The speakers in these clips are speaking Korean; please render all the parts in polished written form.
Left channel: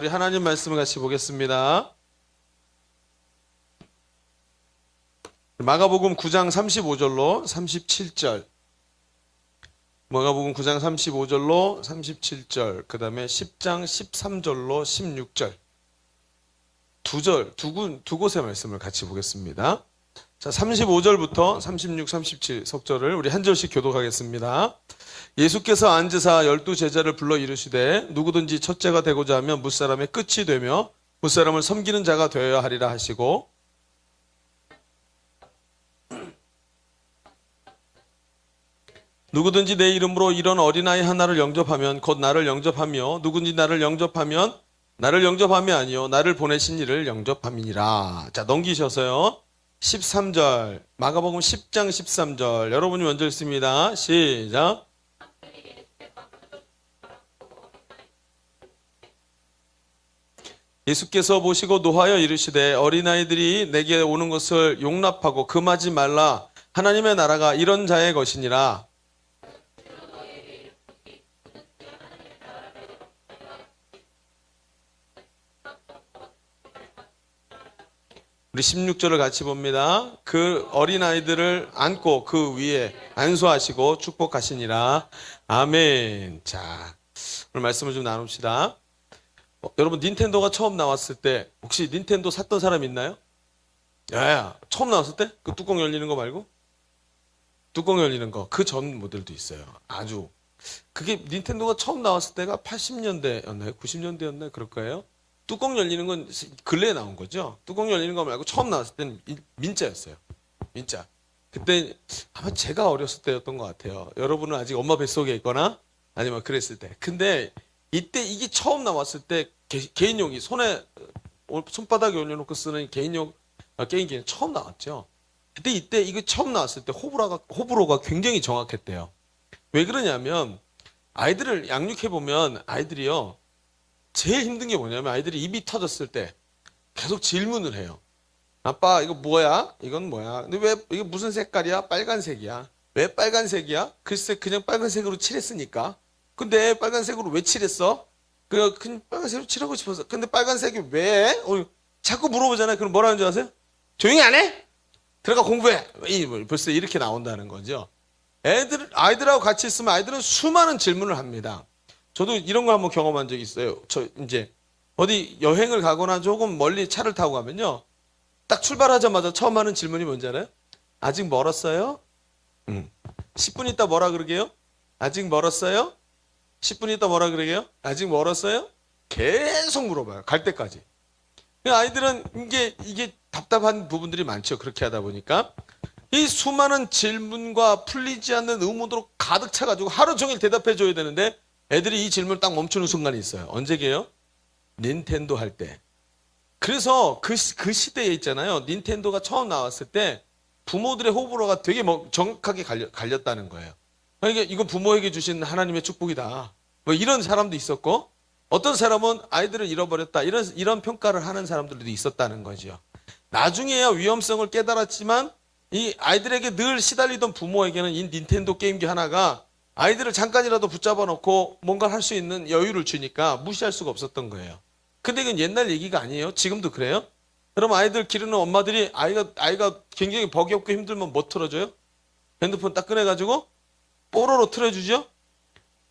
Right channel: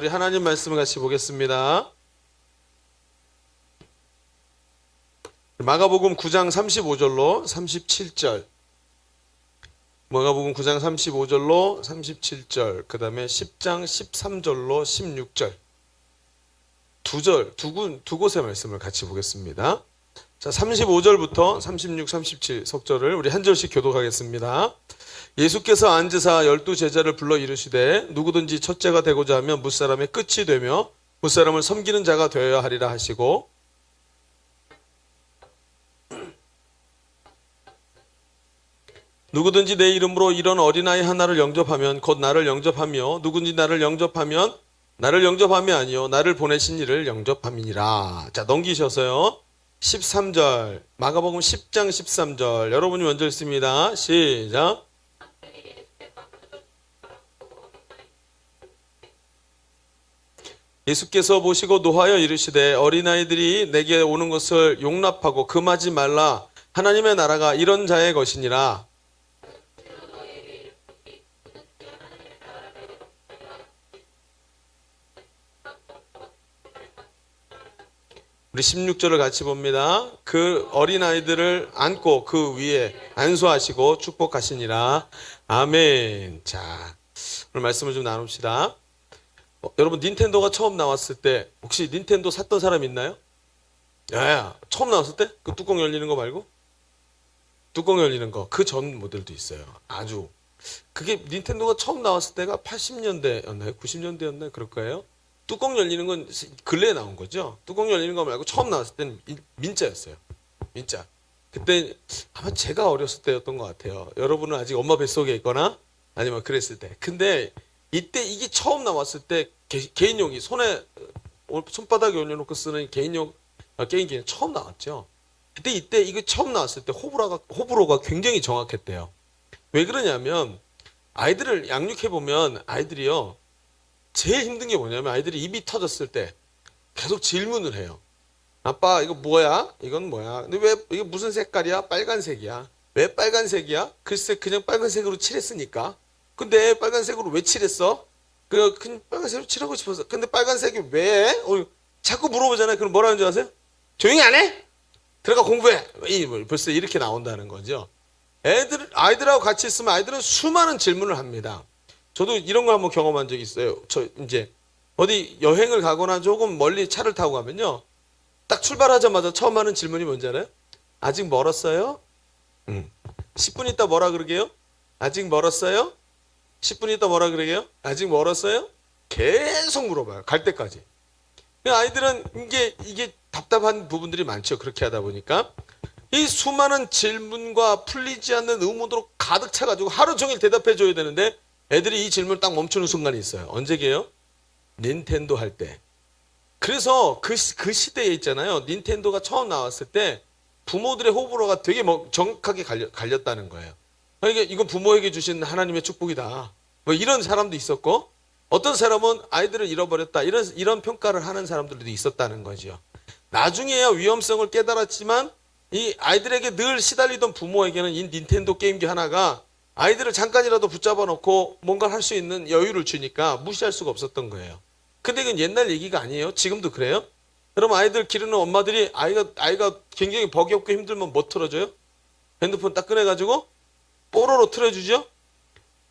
우리 하나님 말씀을 같이 보겠습니다. 마가복음 9장 35절로 37절. 마가복음 9장 35절로 37절. 그 다음에 10장 13절로 16절. 두 곳의 말씀을 같이 보겠습니다. 자, 35절부터 36, 37 속절을 우리 한 절씩 교독하겠습니다. 예수께서 앉으사 12제자를 불러 이르시되 누구든지 첫째가 되고자 하면 무사람의 끝이 되며 무사람을 섬기는 자가 되어야 하리라 하시고, 누구든지 내 이름으로 이런 어린아이 하나를 영접하면 곧 나를 영접하며 누구든지 나를 영접하면 나를 영접함이 아니요 나를 보내신 이를 영접함이니라. 자, 넘기셔서요. 13절 마가복음 10장 13절 여러분이 먼저 읽습니다. 시작. 예수께서 보시고 노하여 이르시되 어린아이들이 내게 오는 것을 용납하고 금하지 말라. 하나님의 나라가 이런 자의 것이니라. 우리 16절을 같이 봅니다. 그 어린아이들을 안고 그 위에 안수하시고 축복하시니라. 아멘. 자, 오늘 말씀을 좀 나눕시다. 여러분, 닌텐도가 처음 나왔을 때 혹시 닌텐도 샀던 사람 있나요? 예, 처음 나왔을 때? 그 뚜껑 열리는 거 말고? 뚜껑 열리는 거. 그 전 모델도 있어요. 아주. 그게 닌텐도가 처음 나왔을 때가 80년대였나요? 90년대였나요? 그럴 거예요. 뚜껑 열리는 건 근래에 나온 거죠. 뚜껑 열리는 거 말고 처음 나왔을 때는 민자였어요. 민자. 그때 아마 제가 어렸을 때였던 것 같아요. 여러분은 아직 엄마 뱃속에 있거나 아니면 그랬을 때. 근데 이때 이게 처음 나왔을 때 개인용이 손바닥에 올려놓고 쓰는 개인용 게임기는 처음 나왔죠. 그때 이때 이게 처음 나왔을 때 호불호가 굉장히 정확했대요. 왜 그러냐면 아이들을 양육해보면 아이들이요. 제일 힘든 게 뭐냐면 아이들이 입이 터졌을 때 계속 질문을 해요. 아빠 이거 뭐야? 이건 뭐야? 근데 왜 이게 무슨 색깔이야? 빨간색이야. 왜 빨간색이야? 글쎄 그냥 빨간색으로 칠했으니까. 근데 빨간색으로 왜 칠했어? 그냥 빨간색으로 칠하고 싶어서. 근데 빨간색이 왜? 자꾸 물어보잖아요. 그럼 뭐라는 줄 아세요? 조용히 안 해? 들어가 공부해. 벌써 이렇게 나온다는 거죠. 아이들하고 같이 있으면 아이들은 수많은 질문을 합니다. 저도 이런 거 한번 경험한 적이 있어요. 저 이제 어디 여행을 가거나 조금 멀리 차를 타고 가면요. 딱 출발하자마자 처음 하는 질문이 뭔지 알아요? 아직 멀었어요? 10분 있다 뭐라 그러게요? 아직 멀었어요? 10분 있다 뭐라 그러게요? 아직 멀었어요? 계속 물어봐요. 갈 때까지. 아이들은 이게 답답한 부분들이 많죠. 그렇게 하다 보니까. 이 수많은 질문과 풀리지 않는 의문으로 가득 차가지고 하루 종일 대답해 줘야 되는데 애들이 이 질문을 딱 멈추는 순간이 있어요. 언제게요? 닌텐도 할 때. 그래서 그 시대에 있잖아요. 닌텐도가 처음 나왔을 때 부모들의 호불호가 되게 정확하게 갈렸다는 거예요. 그러니까 이건 부모에게 주신 하나님의 축복이다. 뭐 이런 사람도 있었고 어떤 사람은 아이들을 잃어버렸다. 이런 평가를 하는 사람들도 있었다는 거죠. 나중에야 위험성을 깨달았지만 이 아이들에게 늘 시달리던 부모에게는 이 닌텐도 게임기 하나가 아이들을 잠깐이라도 붙잡아 놓고 뭔가 할 수 있는 여유를 주니까 무시할 수가 없었던 거예요. 근데 이건 옛날 얘기가 아니에요. 지금도 그래요? 그럼 아이들 기르는 엄마들이 아이가 굉장히 벅이 없고 힘들면 뭐 틀어줘요? 핸드폰 딱 꺼내가지고 뽀로로 틀어주죠?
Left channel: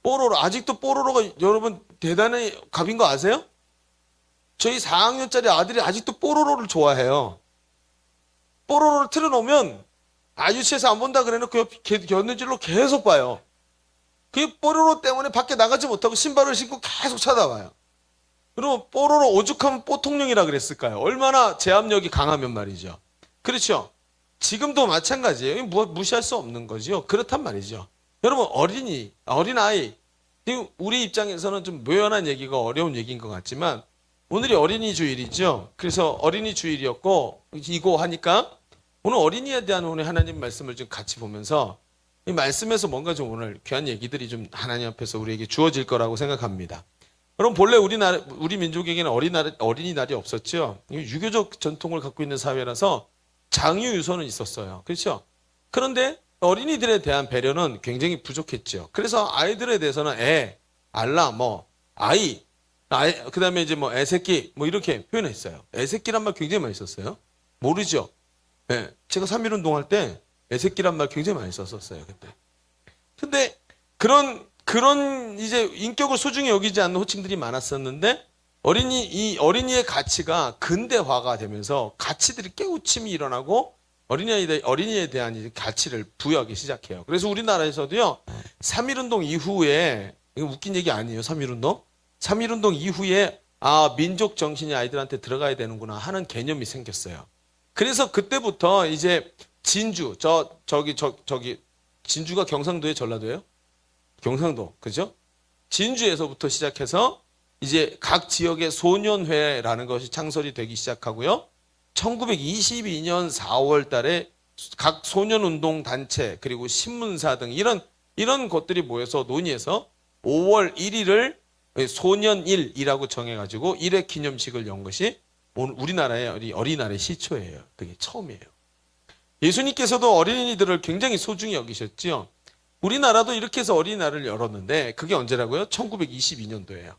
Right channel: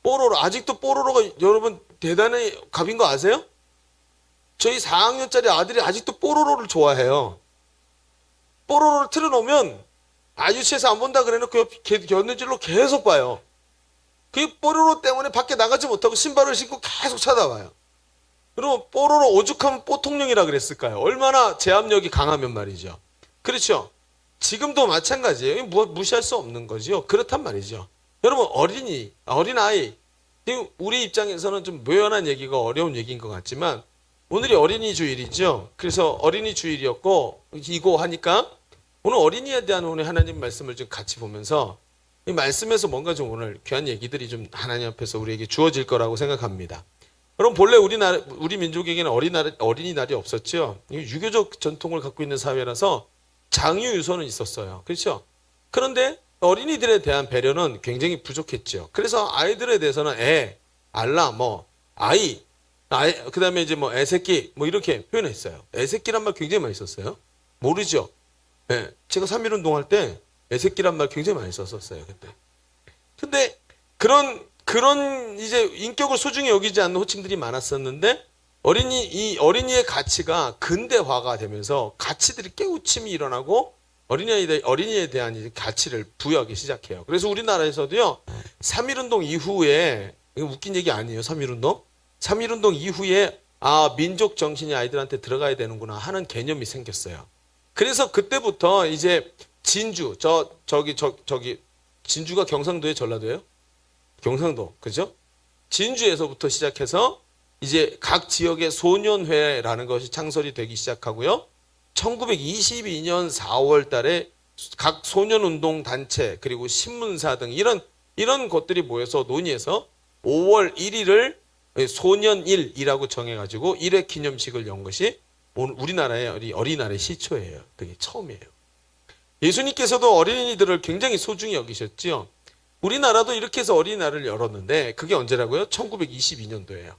뽀로로. 아직도 뽀로로가 여러분 대단히 갑인 거 아세요? 저희 4학년짜리 아들이 아직도 뽀로로를 좋아해요. 뽀로로를 틀어놓으면 유치해서 안 본다 그래놓고 견눈질로 계속 봐요. 그 뽀로로 때문에 밖에 나가지 못하고 신발을 신고 계속 쳐다봐요. 그리고 뽀로로 오죽하면 뽀통령이라 그랬을까요? 얼마나 제압력이 강하면 말이죠. 그렇죠? 지금도 마찬가지예요. 무시할 수 없는 거죠. 그렇단 말이죠. 여러분 어린아이 우리 입장에서는 좀 묘연한 얘기가 어려운 얘기인 것 같지만 오늘이 어린이 주일이죠. 그래서 어린이 주일이었고 이거 하니까 오늘 어린이에 대한 오늘 하나님 말씀을 좀 같이 보면서 이 말씀에서 뭔가 좀 오늘 귀한 얘기들이 좀 하나님 앞에서 우리에게 주어질 거라고 생각합니다. 여러분 본래 우리 민족에게는 어린이날이 없었죠. 유교적 전통을 갖고 있는 사회라서 장유유서는 있었어요. 그렇죠? 그런데 어린이들에 대한 배려는 굉장히 부족했죠. 그래서 아이들에 대해서는 알라, 아이 그 다음에 이제 뭐 애새끼, 뭐 이렇게 표현했어요. 애새끼란 말 굉장히 많이 썼어요. 모르죠? 네, 제가 3.1운동 할 때 애새끼란 말 굉장히 많이 썼었어요, 그때. 근데 그런 이제 인격을 소중히 여기지 않는 호칭들이 많았었는데, 이 어린이의 가치가 근대화가 되면서 가치들이 깨우침이 일어나고 어린이에 대한 이제 가치를 부여하기 시작해요. 그래서 우리나라에서도요, 3.1운동 이후에, 이거 웃긴 얘기 아니에요, 3.1운동? 3.1운동 이후에, 민족 정신이 아이들한테 들어가야 되는구나 하는 개념이 생겼어요. 그래서 그때부터 이제 진주, 진주가 경상도에 전라도예요? 경상도, 그죠? 진주에서부터 시작해서 이제 각 지역의 소년회라는 것이 창설이 되기 시작하고요. 1922년 4월 달에 각 소년운동 단체 그리고 신문사 등 이런 것들이 모여서 논의해서 5월 1일을 소년일이라고 정해가지고 1회 기념식을 연 것이 우리나라의 어린이날의 시초예요. 그게 처음이에요. 예수님께서도 어린이들을 굉장히 소중히 여기셨죠. 우리나라도 이렇게 해서 어린이날을 열었는데 그게 언제라고요? 1922년도예요.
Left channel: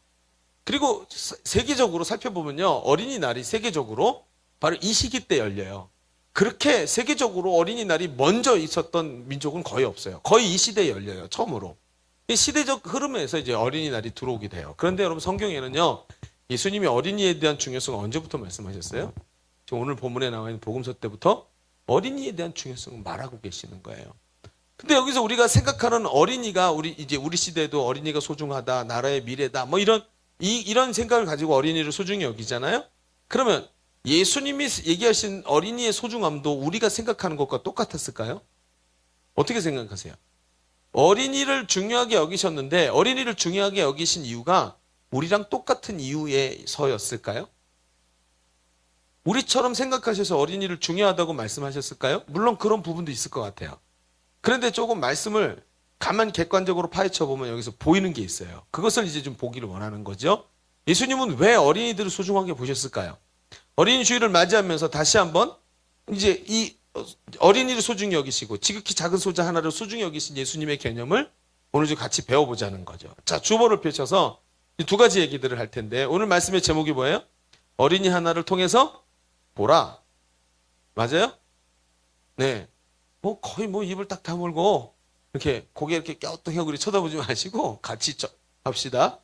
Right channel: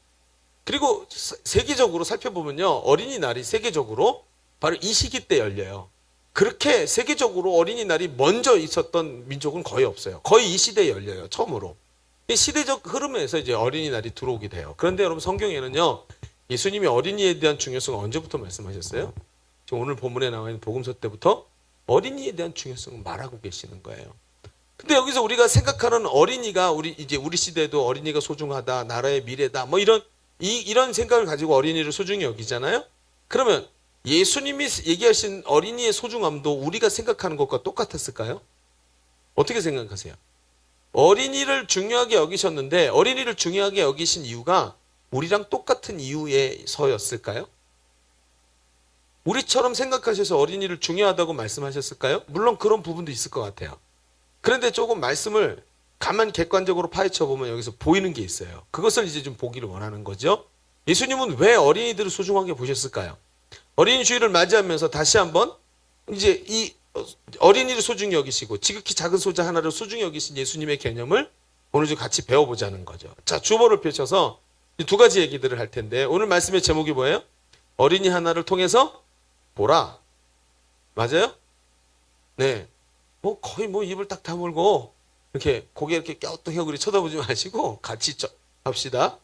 그리고 세계적으로 살펴보면요. 어린이날이 세계적으로 바로 이 시기 때 열려요. 그렇게 세계적으로 어린이날이 먼저 있었던 민족은 거의 없어요. 거의 이 시대에 열려요. 처음으로. 이 시대적 흐름에서 이제 어린이날이 들어오게 돼요. 그런데 여러분 성경에는요. 예수님이 어린이에 대한 중요성을 언제부터 말씀하셨어요? 오늘 본문에 나와 있는 복음서 때부터 어린이에 대한 중요성을 말하고 계시는 거예요. 근데 여기서 우리가 생각하는 어린이가 우리 시대에도 어린이가 소중하다, 나라의 미래다, 뭐 이런 생각을 가지고 어린이를 소중히 여기잖아요? 그러면 예수님이 얘기하신 어린이의 소중함도 우리가 생각하는 것과 똑같았을까요? 어떻게 생각하세요? 어린이를 중요하게 여기셨는데 어린이를 중요하게 여기신 이유가 우리랑 똑같은 이유에서였을까요? 우리처럼 생각하셔서 어린이를 중요하다고 말씀하셨을까요? 물론 그런 부분도 있을 것 같아요. 그런데 조금 말씀을 가만 객관적으로 파헤쳐 보면 여기서 보이는 게 있어요. 그것을 이제 좀 보기를 원하는 거죠. 예수님은 왜 어린이들을 소중하게 보셨을까요? 어린이 주일을 맞이하면서 다시 한번 이제 이 어린이를 소중히 여기시고 지극히 작은 소자 하나를 소중히 여기신 예수님의 개념을 오늘 좀 같이 배워보자는 거죠. 자, 주보를 펼쳐서 이 두 가지 얘기들을 할 텐데 오늘 말씀의 제목이 뭐예요? 어린이 하나를 통해서 보라. 맞아요? 네. 거의 입을 딱 다물고 이렇게 고개 이렇게 껴뚱하고 쳐다보지 마시고 같이 합시다.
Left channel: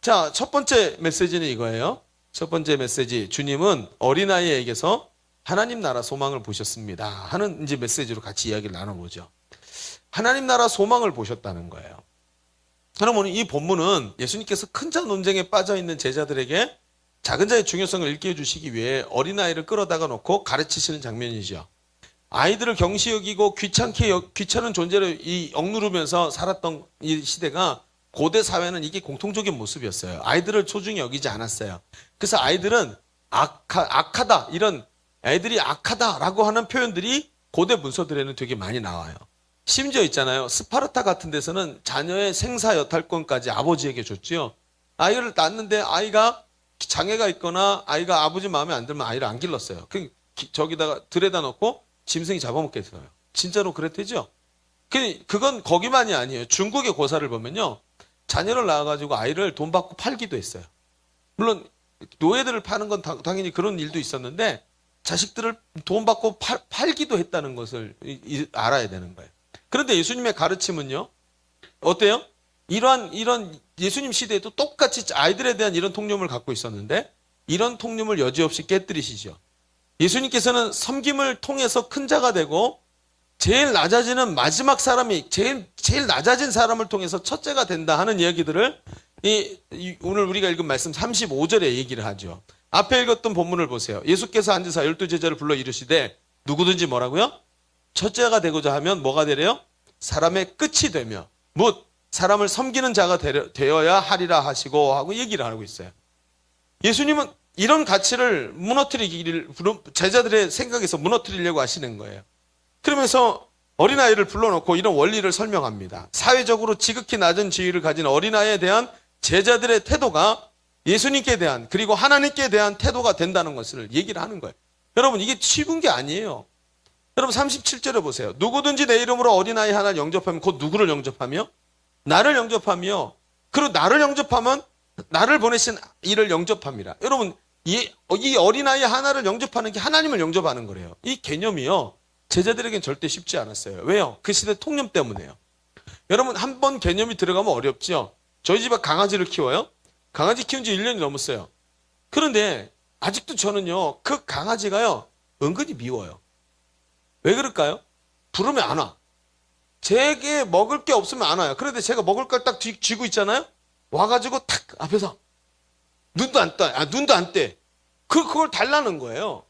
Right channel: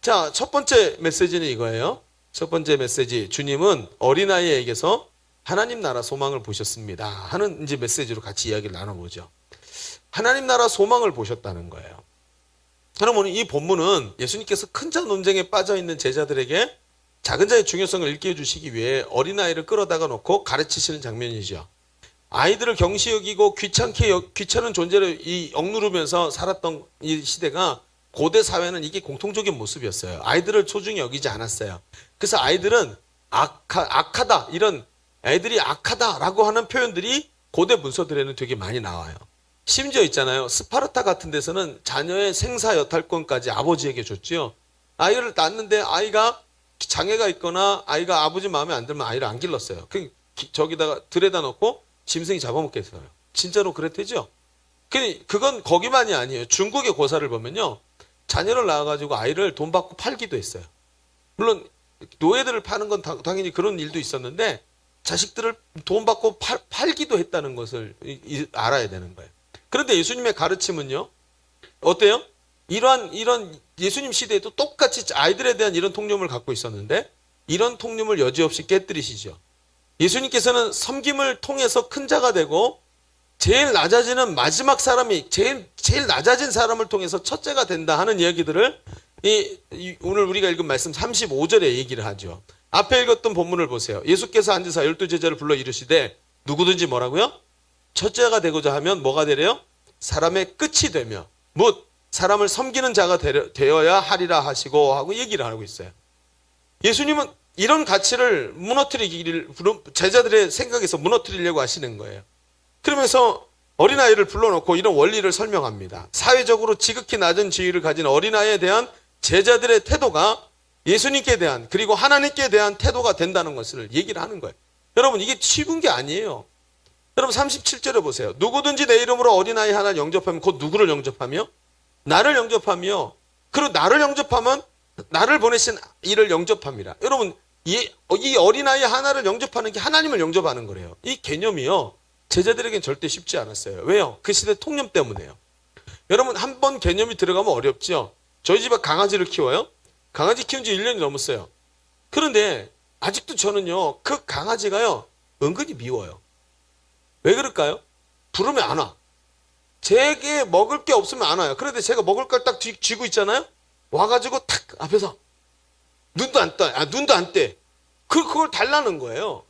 자, 첫 번째 메시지는 이거예요. 첫 번째 메시지, 주님은 어린아이에게서 하나님 나라 소망을 보셨습니다 하는 이제 메시지로 같이 이야기를 나눠보죠. 하나님 나라 소망을 보셨다는 거예요. 그러면 이 본문은 예수님께서 큰 자 논쟁에 빠져있는 제자들에게 작은 자의 중요성을 일깨워주시기 위해 어린아이를 끌어다가 놓고 가르치시는 장면이죠. 아이들을 경시 여기고 귀찮은 존재로 억누르면서 살았던 이 시대가 고대 사회는 이게 공통적인 모습이었어요. 아이들을 소중히 여기지 않았어요. 그래서 아이들은 악하다, 이런 애들이 악하다라고 하는 표현들이 고대 문서들에는 되게 많이 나와요. 심지어 있잖아요. 스파르타 같은 데서는 자녀의 생사 여탈권까지 아버지에게 줬지요. 아이를 낳았는데 아이가 장애가 있거나 아이가 아버지 마음에 안 들면 아이를 안 길렀어요. 저기다가 들에다 놓고 짐승이 잡아먹겠어요. 진짜로 그랬대죠. 그건 거기만이 아니에요. 중국의 고사를 보면요. 자녀를 낳아가지고 아이를 돈 받고 팔기도 했어요. 물론 노예들을 파는 건 당연히 그런 일도 있었는데 자식들을 돈 받고 팔기도 했다는 것을 알아야 되는 거예요. 그런데 예수님의 가르침은요. 어때요? 이런 예수님 시대에도 똑같이 아이들에 대한 이런 통념을 갖고 있었는데 이런 통념을 여지없이 깨뜨리시죠. 예수님께서는 섬김을 통해서 큰 자가 되고 제일 낮아지는 마지막 사람이 제일 낮아진 사람을 통해서 첫째가 된다 하는 이야기들을 오늘 우리가 읽은 말씀 35절에 얘기를 하죠. 앞에 읽었던 본문을 보세요. 예수께서 앉으사 12제자를 불러 이르시되 누구든지 뭐라고요? 첫째가 되고자 하면 뭐가 되래요? 사람의 끝이 되며 묻 사람을 섬기는 자가 되어야 하리라 하고 얘기를 하고 있어요. 예수님은 이런 가치를 무너뜨리기를 제자들의 생각에서 무너뜨리려고 하시는 거예요. 그러면서 어린아이를 불러놓고 이런 원리를 설명합니다. 사회적으로 지극히 낮은 지위를 가진 어린아이에 대한 제자들의 태도가 예수님께 대한 그리고 하나님께 대한 태도가 된다는 것을 얘기를 하는 거예요. 여러분 이게 쉬운 게 아니에요. 여러분 37절에 보세요. 누구든지 내 이름으로 어린아이 하나를 영접하면 곧 누구를 영접하며? 나를 영접하며 그리고 나를 영접하면 나를 보내신 이를 영접합니다. 여러분, 이 어린아이 하나를 영접하는 게 하나님을 영접하는 거래요. 이 개념이요. 제자들에겐 절대 쉽지 않았어요. 왜요? 그 시대 통념 때문에요. 여러분, 한 번 개념이 들어가면 어렵죠. 저희 집에 강아지를 키워요. 강아지 키운 지 1년이 넘었어요. 그런데 아직도 저는요, 그 강아지가요, 은근히 미워요. 왜 그럴까요? 부르면 안 와. 제게 먹을 게 없으면 안 와요. 그런데 제가 먹을 걸 딱 쥐고 있잖아요? 와가지고 탁 앞에서 눈도 안 떼. 그걸 달라는 거예요.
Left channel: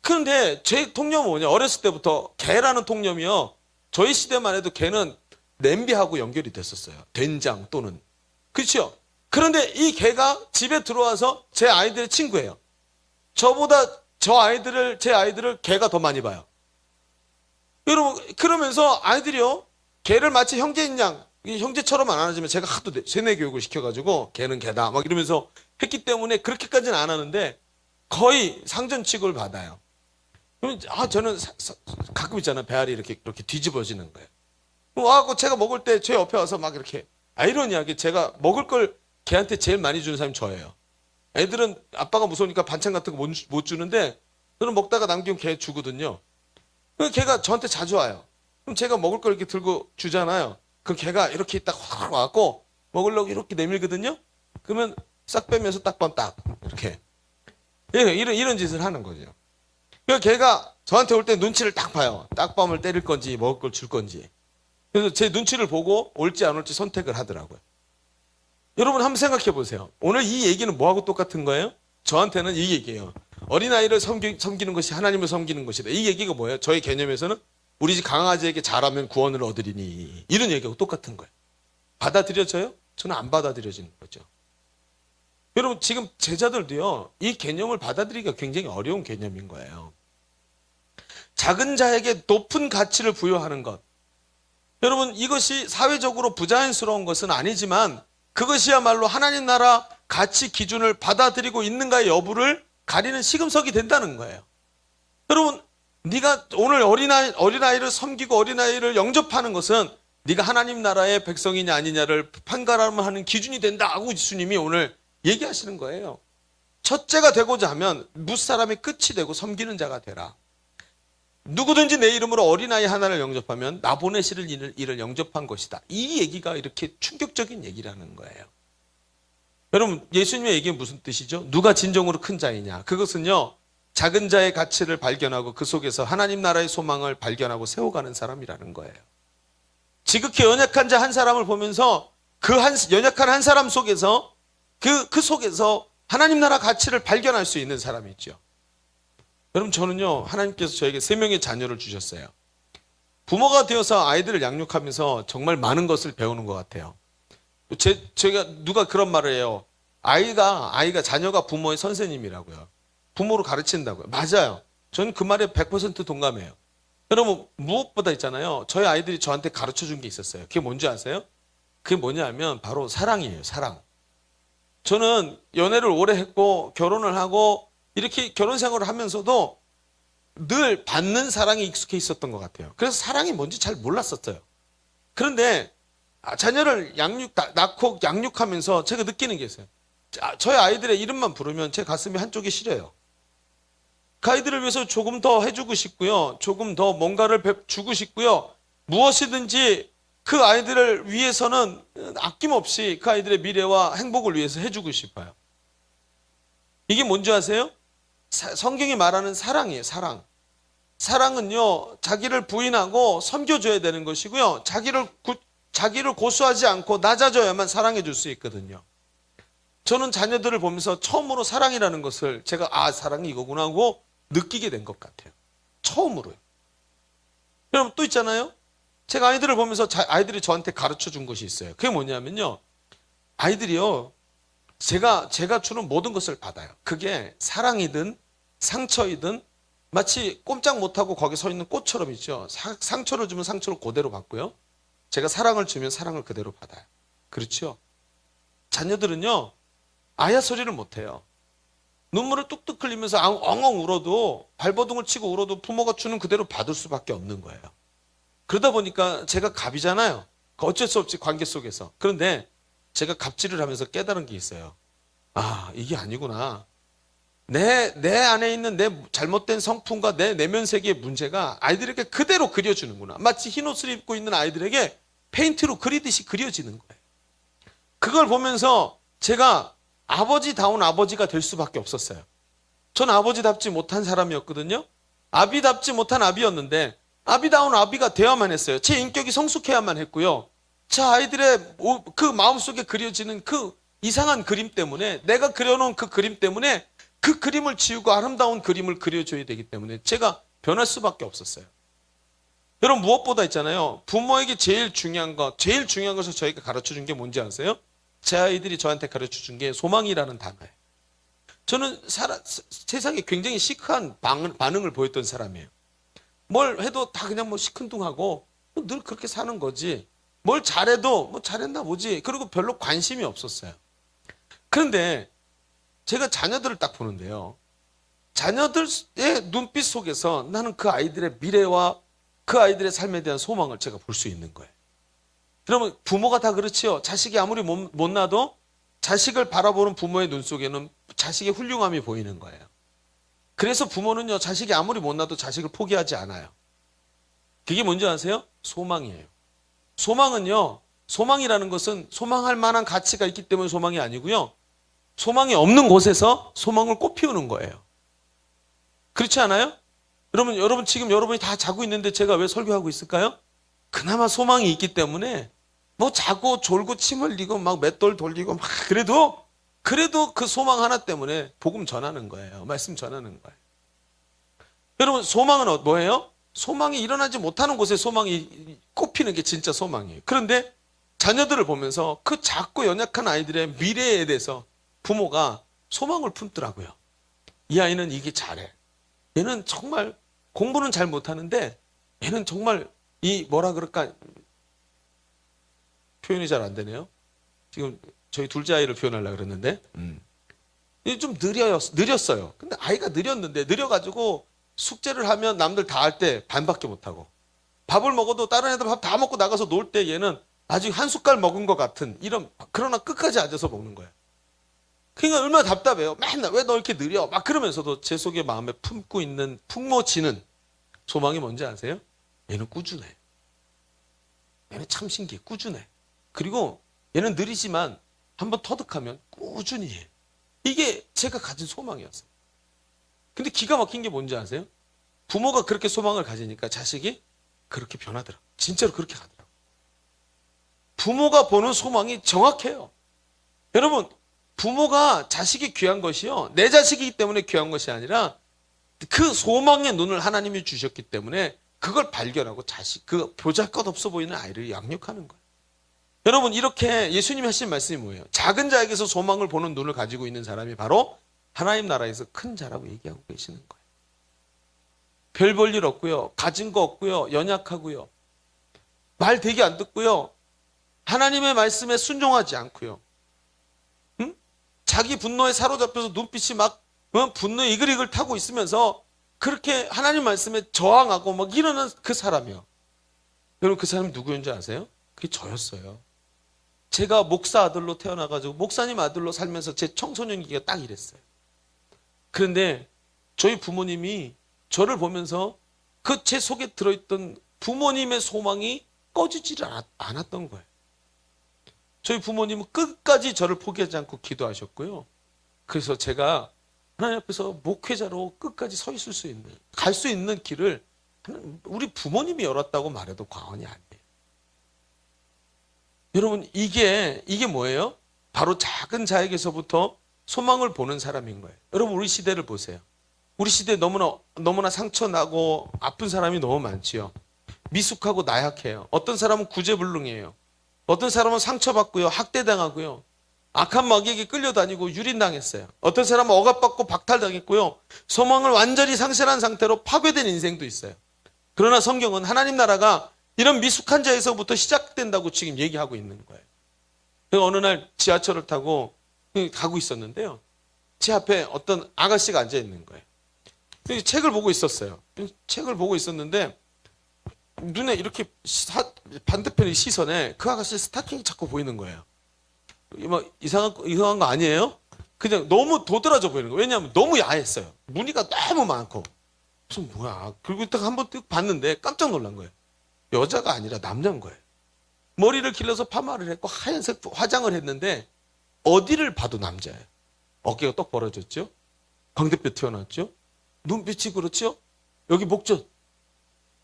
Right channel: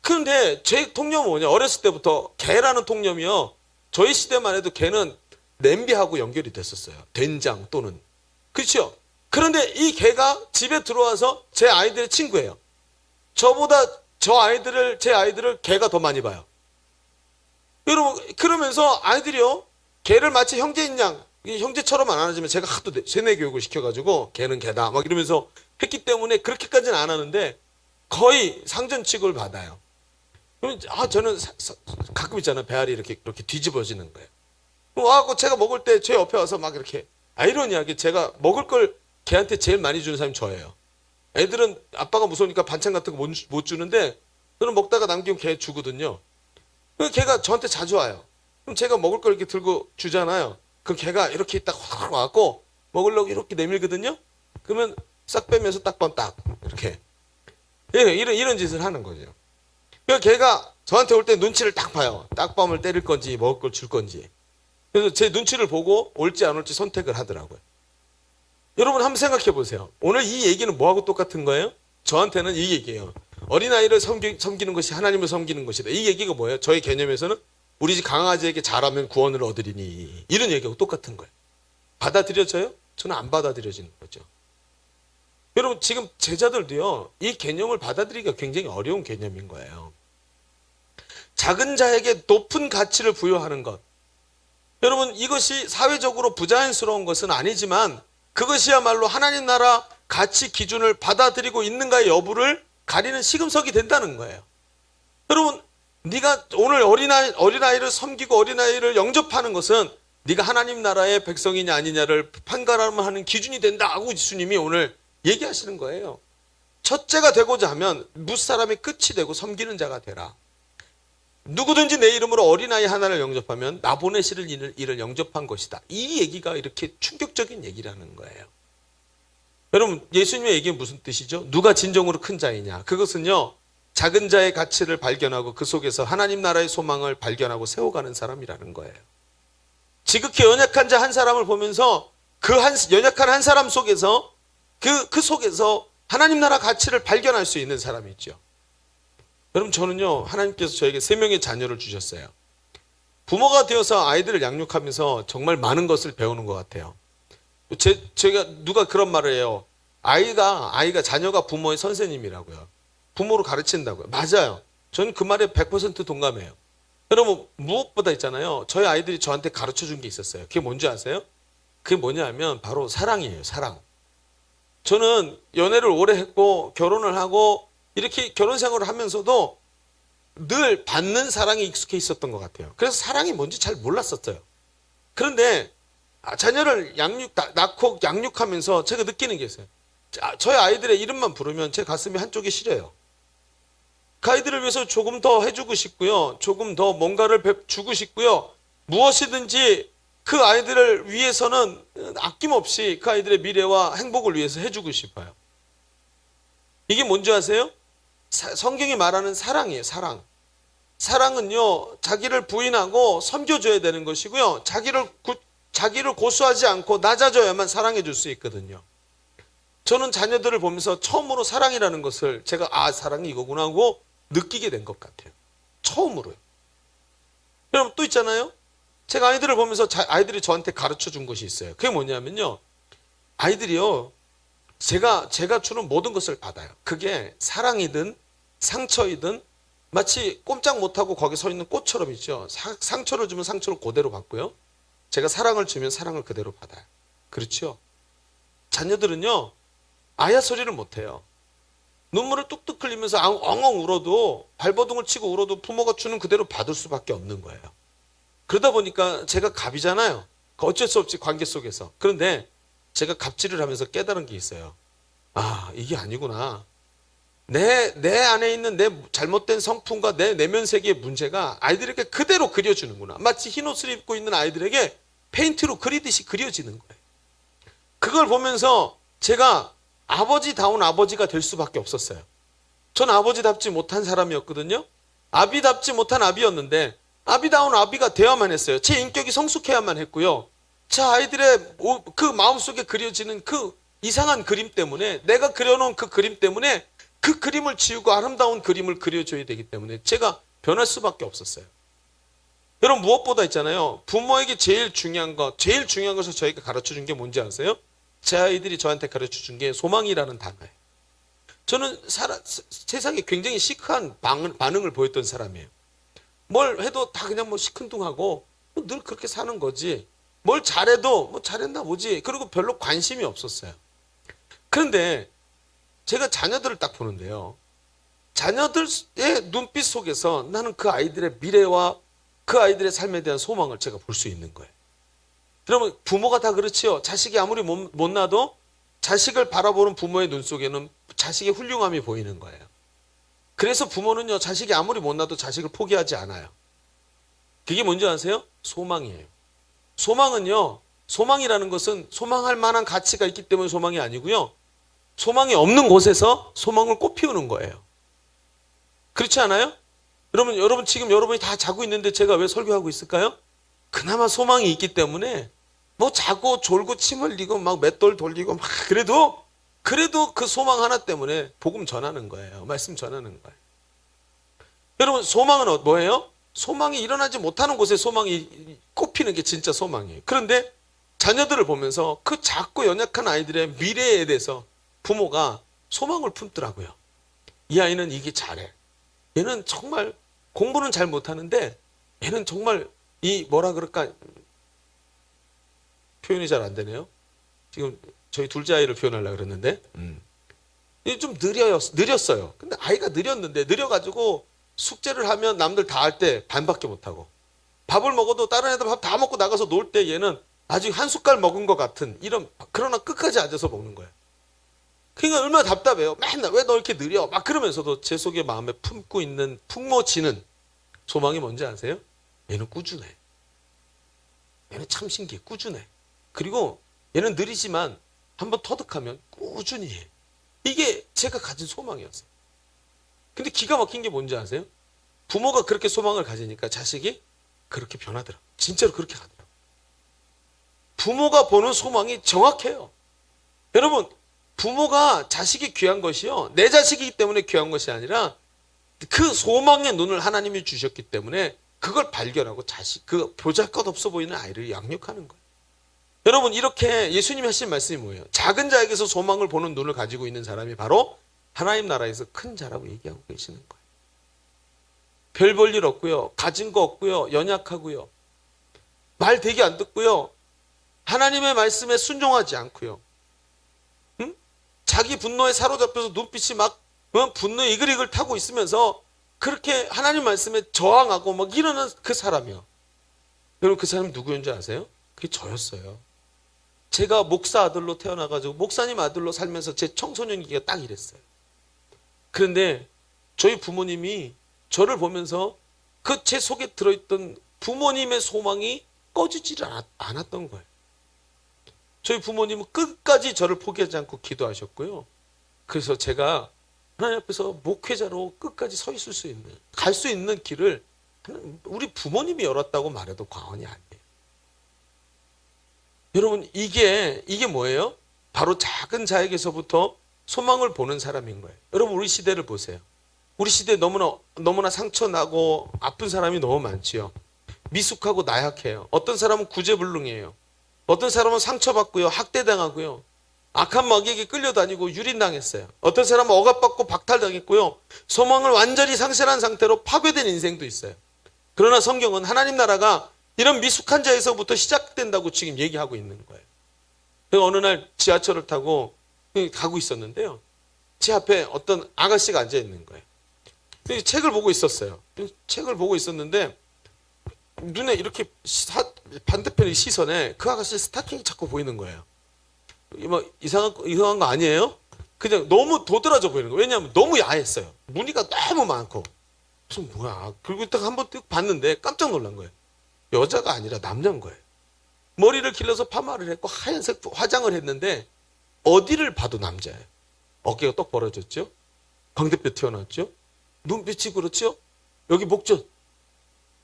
그런데 제 통념은 뭐냐? 어렸을 때부터 개라는 통념이요. 저희 시대만 해도 개는 냄비하고 연결이 됐었어요. 된장 또는. 그렇죠? 그런데 이 개가 집에 들어와서 제 아이들의 친구예요. 저보다 제 아이들을 개가 더 많이 봐요. 여러분, 그러면서 아이들이요, 개를 마치 형제인 양, 형제처럼 안 하지만 제가 하도 세뇌 교육을 시켜가지고 개는 개다 막 이러면서 했기 때문에 그렇게까지는 안 하는데 거의 상전 취급을 받아요. 그러면 저는 가끔 있잖아요. 배알이 이렇게 뒤집어지는 거예요. 와고 제가 먹을 때 제 옆에 와서 막 이렇게 아이러니하게 제가 먹을 걸 걔한테 제일 많이 주는 사람이 저예요. 애들은 아빠가 무서우니까 반찬 같은 거 못 주는데 저는 먹다가 남기면 걔 주거든요. 그럼 걔가 저한테 자주 와요. 그럼 제가 먹을 걸 이렇게 들고 주잖아요. 그럼 걔가 이렇게 딱 확 와갖고 먹으려고 이렇게 내밀거든요. 그러면 싹 빼면서 딱 이렇게 이런 짓을 하는 거죠. 그러니까 걔가 저한테 올 때 눈치를 딱 봐요. 딱밤을 때릴 건지 먹을 걸 줄 건지. 그래서 제 눈치를 보고 올지 안 올지 선택을 하더라고요. 여러분 한번 생각해 보세요. 오늘 이 얘기는 뭐하고 똑같은 거예요? 저한테는 이 얘기예요. 어린아이를 섬기는 것이 하나님을 섬기는 것이다. 이 얘기가 뭐예요? 저의 개념에서는 우리 집 강아지에게 잘하면 구원을 얻으리니 이런 얘기하고 똑같은 거예요. 받아들여져요? 저는 안 받아들여지는 거죠. 여러분 지금 제자들도요. 이 개념을 받아들이기가 굉장히 어려운 개념인 거예요. 작은 자에게 높은 가치를 부여하는 것. 여러분 이것이 사회적으로 부자연스러운 것은 아니지만 그것이야말로 하나님 나라 가치 기준을 받아들이고 있는가의 여부를 가리는 시금석이 된다는 거예요. 여러분 네가 오늘 어린아이를 섬기고 어린아이를 영접하는 것은 네가 하나님 나라의 백성이냐 아니냐를 판가름하는 기준이 된다고 예수님이 오늘 얘기하시는 거예요. 첫째가 되고자 하면 무사람이 끝이 되고 섬기는 자가 되라. 누구든지 내 이름으로 어린아이 하나를 영접하면 나 보내시는 이를 영접한 것이다. 이 얘기가 이렇게 충격적인 얘기라는 거예요. 여러분 예수님의 얘기는 무슨 뜻이죠? 누가 진정으로 큰 자이냐? 그것은요. 작은 자의 가치를 발견하고 그 속에서 하나님 나라의 소망을 발견하고 세워가는 사람이라는 거예요. 지극히 연약한 자 한 사람을 보면서 그 연약한 한 사람 속에서 그 속에서 하나님 나라 가치를 발견할 수 있는 사람이 있죠. 여러분 저는요. 하나님께서 저에게 3명의 자녀를 주셨어요. 부모가 되어서 아이들을 양육하면서 정말 많은 것을 배우는 것 같아요. 제가 누가 그런 말을 해요. 자녀가 부모의 선생님이라고요. 부모로 가르친다고요. 맞아요. 저는 그 말에 100% 동감해요. 여러분 무엇보다 있잖아요. 저희 아이들이 저한테 가르쳐준 게 있었어요. 그게 뭔지 아세요? 그게 뭐냐면 바로 사랑이에요. 사랑. 저는 연애를 오래 했고 결혼을 하고 이렇게 결혼 생활을 하면서도 늘 받는 사랑에 익숙해 있었던 것 같아요. 그래서 사랑이 뭔지 잘 몰랐었어요. 그런데 자녀를 낳고 양육하면서 제가 느끼는 게 있어요. 저희 아이들의 이름만 부르면 제 가슴이 한쪽이 시려요. 그 아이들을 위해서 조금 더 해주고 싶고요. 조금 더 뭔가를 주고 싶고요. 무엇이든지 그 아이들을 위해서는 아낌없이 그 아이들의 미래와 행복을 위해서 해주고 싶어요. 이게 뭔지 아세요? 성경이 말하는 사랑이에요. 사랑. 사랑은요. 자기를 부인하고 섬겨줘야 되는 것이고요. 자기를 고수하지 않고 낮아져야만 사랑해 줄 수 있거든요. 저는 자녀들을 보면서 처음으로 사랑이라는 것을 제가 사랑이 이거구나 하고 느끼게 된 것 같아요. 처음으로요. 여러분 또 있잖아요. 제가 아이들을 보면서 아이들이 저한테 가르쳐 준 것이 있어요. 그게 뭐냐면요. 아이들이요. 제가 주는 모든 것을 받아요. 그게 사랑이든 상처이든 마치 꼼짝 못하고 거기 서 있는 꽃처럼 있죠. 상처를 주면 상처를 그대로 받고요. 제가 사랑을 주면 사랑을 그대로 받아요. 그렇죠? 자녀들은요. 아야 소리를 못해요. 눈물을 뚝뚝 흘리면서 엉엉 울어도 발버둥을 치고 울어도 부모가 주는 그대로 받을 수밖에 없는 거예요. 그러다 보니까 제가 갑이잖아요. 어쩔 수 없지 관계 속에서. 그런데 제가 갑질을 하면서 깨달은 게 있어요. 아, 이게 아니구나. 내 안에 있는 내 잘못된 성품과 내 내면 세계의 문제가 아이들에게 그대로 그려주는구나. 마치 흰 옷을 입고 있는 아이들에게 페인트로 그리듯이 그려지는 거예요. 그걸 보면서 제가 아버지다운 아버지가 될 수밖에 없었어요. 전 아버지답지 못한 사람이었거든요. 아비답지 못한 아비였는데 아비다운 아비가 되어야만 했어요. 제 인격이 성숙해야만 했고요. 제 아이들의 그 마음속에 그려지는 그 이상한 그림 때문에, 내가 그려놓은 그 그림 때문에 그 그림을 지우고 아름다운 그림을 그려줘야 되기 때문에 제가 변할 수밖에 없었어요. 여러분, 무엇보다 있잖아요. 부모에게 제일 중요한 것을 저희가 가르쳐준 게 뭔지 아세요? 제 아이들이 저한테 가르쳐준 게 소망이라는 단어예요. 저는 세상에 굉장히 시크한 반응을 보였던 사람이에요. 뭘 해도 다 그냥 뭐 시큰둥하고 늘 그렇게 사는 거지. 뭘 잘해도 뭐 잘했나 보지. 그리고 별로 관심이 없었어요. 그런데 제가 자녀들을 딱 보는데요. 자녀들의 눈빛 속에서 나는 그 아이들의 미래와 그 아이들의 삶에 대한 소망을 제가 볼 수 있는 거예요. 여러분, 부모가 다 그렇지요. 자식이 아무리 못 나도 자식을 바라보는 부모의 눈 속에는 자식의 훌륭함이 보이는 거예요. 그래서 부모는요, 자식이 아무리 못 나도 자식을 포기하지 않아요. 그게 뭔지 아세요? 소망이에요. 소망은요, 소망이라는 것은 소망할 만한 가치가 있기 때문에 소망이 아니고요. 소망이 없는 곳에서 소망을 꽃피우는 거예요. 그렇지 않아요? 여러분 지금 여러분이 다 자고 있는데 제가 왜 설교하고 있을까요? 그나마 소망이 있기 때문에 뭐 자고 졸고 침 흘리고 막 맷돌 돌리고 막 그래도 그 소망 하나 때문에 복음 전하는 거예요. 말씀 전하는 거예요. 여러분, 소망은 뭐예요? 소망이 일어나지 못하는 곳에 소망이 꽃피는 게 진짜 소망이에요. 그런데 자녀들을 보면서 그 작고 연약한 아이들의 미래에 대해서 부모가 소망을 품더라고요. 이 아이는 이게 잘해. 얘는 정말 공부는 잘 못하는데 얘는 정말 이 뭐라 그럴까, 표현이 잘 안 되네요. 지금 저희 둘째 아이를 표현하려고 그랬는데 좀 느렸어요. 근데 아이가 느려가지고 숙제를 하면 남들 다 할 때 반밖에 못하고, 밥을 먹어도 다른 애들 밥 다 먹고 나가서 놀 때 얘는 아직 한 숟갈 먹은 것 같은 그러나 끝까지 앉아서 먹는 거예요. 그러니까 얼마나 답답해요. 맨날 왜 너 이렇게 느려? 막 그러면서도 제 속에 마음에 품고 있는 풍모지는 소망이 뭔지 아세요? 얘는 꾸준해. 얘는 참 신기해. 꾸준해. 그리고 얘는 느리지만 한번 터득하면 꾸준히 해. 이게 제가 가진 소망이었어요. 근데 기가 막힌 게 뭔지 아세요? 부모가 그렇게 소망을 가지니까 자식이 그렇게 변하더라. 진짜로 그렇게 가더라. 부모가 보는 소망이 정확해요. 여러분, 부모가 자식이 귀한 것이요, 내 자식이기 때문에 귀한 것이 아니라 그 소망의 눈을 하나님이 주셨기 때문에 그걸 발견하고 그 보잘것없어 보이는 아이를 양육하는 거예요. 여러분, 이렇게 예수님이 하신 말씀이 뭐예요? 작은 자에게서 소망을 보는 눈을 가지고 있는 사람이 바로 하나님 나라에서 큰 자라고 얘기하고 계시는 거예요. 별 볼 일 없고요. 가진 거 없고요. 연약하고요. 말 되게 안 듣고요. 하나님의 말씀에 순종하지 않고요. 응? 자기 분노에 사로잡혀서 눈빛이 막 분노에 이글이글 타고 있으면서 그렇게 하나님 말씀에 저항하고 막 이러는 그 사람이요. 여러분, 그 사람이 누구였는지 아세요? 그게 저였어요. 제가 목사 아들로 태어나가지고 목사님 아들로 살면서 제 청소년기가 딱 이랬어요. 그런데 저희 부모님이 저를 보면서 그 제 속에 들어있던 부모님의 소망이 꺼지지를 않았던 거예요. 저희 부모님은 끝까지 저를 포기하지 않고 기도하셨고요. 그래서 제가 하나님 앞에서 목회자로 끝까지 서 있을 수 있는, 갈 수 있는 길을 우리 부모님이 열었다고 말해도 과언이 아니에요. 여러분, 이게 뭐예요? 바로 작은 자에게서부터 소망을 보는 사람인 거예요. 여러분, 우리 시대를 보세요. 우리 시대에 너무나 상처나고 아픈 사람이 너무 많지요. 미숙하고 나약해요. 어떤 사람은 구제불능이에요. 어떤 사람은 상처받고요, 학대당하고요, 악한 마귀에게 끌려다니고 유린당했어요. 어떤 사람은 억압받고 박탈당했고요, 소망을 완전히 상실한 상태로 파괴된 인생도 있어요. 그러나 성경은 하나님 나라가 이런 미숙한 자에서부터 시작된다고 지금 얘기하고 있는 거예요. 어느 날 지하철을 타고 가고 있었는데요, 제 앞에 어떤 아가씨가 앉아 있는 거예요. 책을 보고 있었어요. 책을 보고 있었는데 눈에 이렇게 반대편의 시선에 그 아가씨 스타킹이 자꾸 보이는 거예요. 막 이상한 거 아니에요? 그냥 너무 도드라져 보이는 거예요. 왜냐하면 너무 야했어요. 무늬가 너무 많고. 그래서 뭐야. 그리고 딱 한번 뜩 봤는데 깜짝 놀란 거예요. 여자가 아니라 남자인 거예요. 머리를 길러서 파마를 했고 하얀색 화장을 했는데 어디를 봐도 남자예요. 어깨가 떡 벌어졌죠? 광대뼈 튀어나왔죠? 눈빛이 그렇죠? 여기 목젖.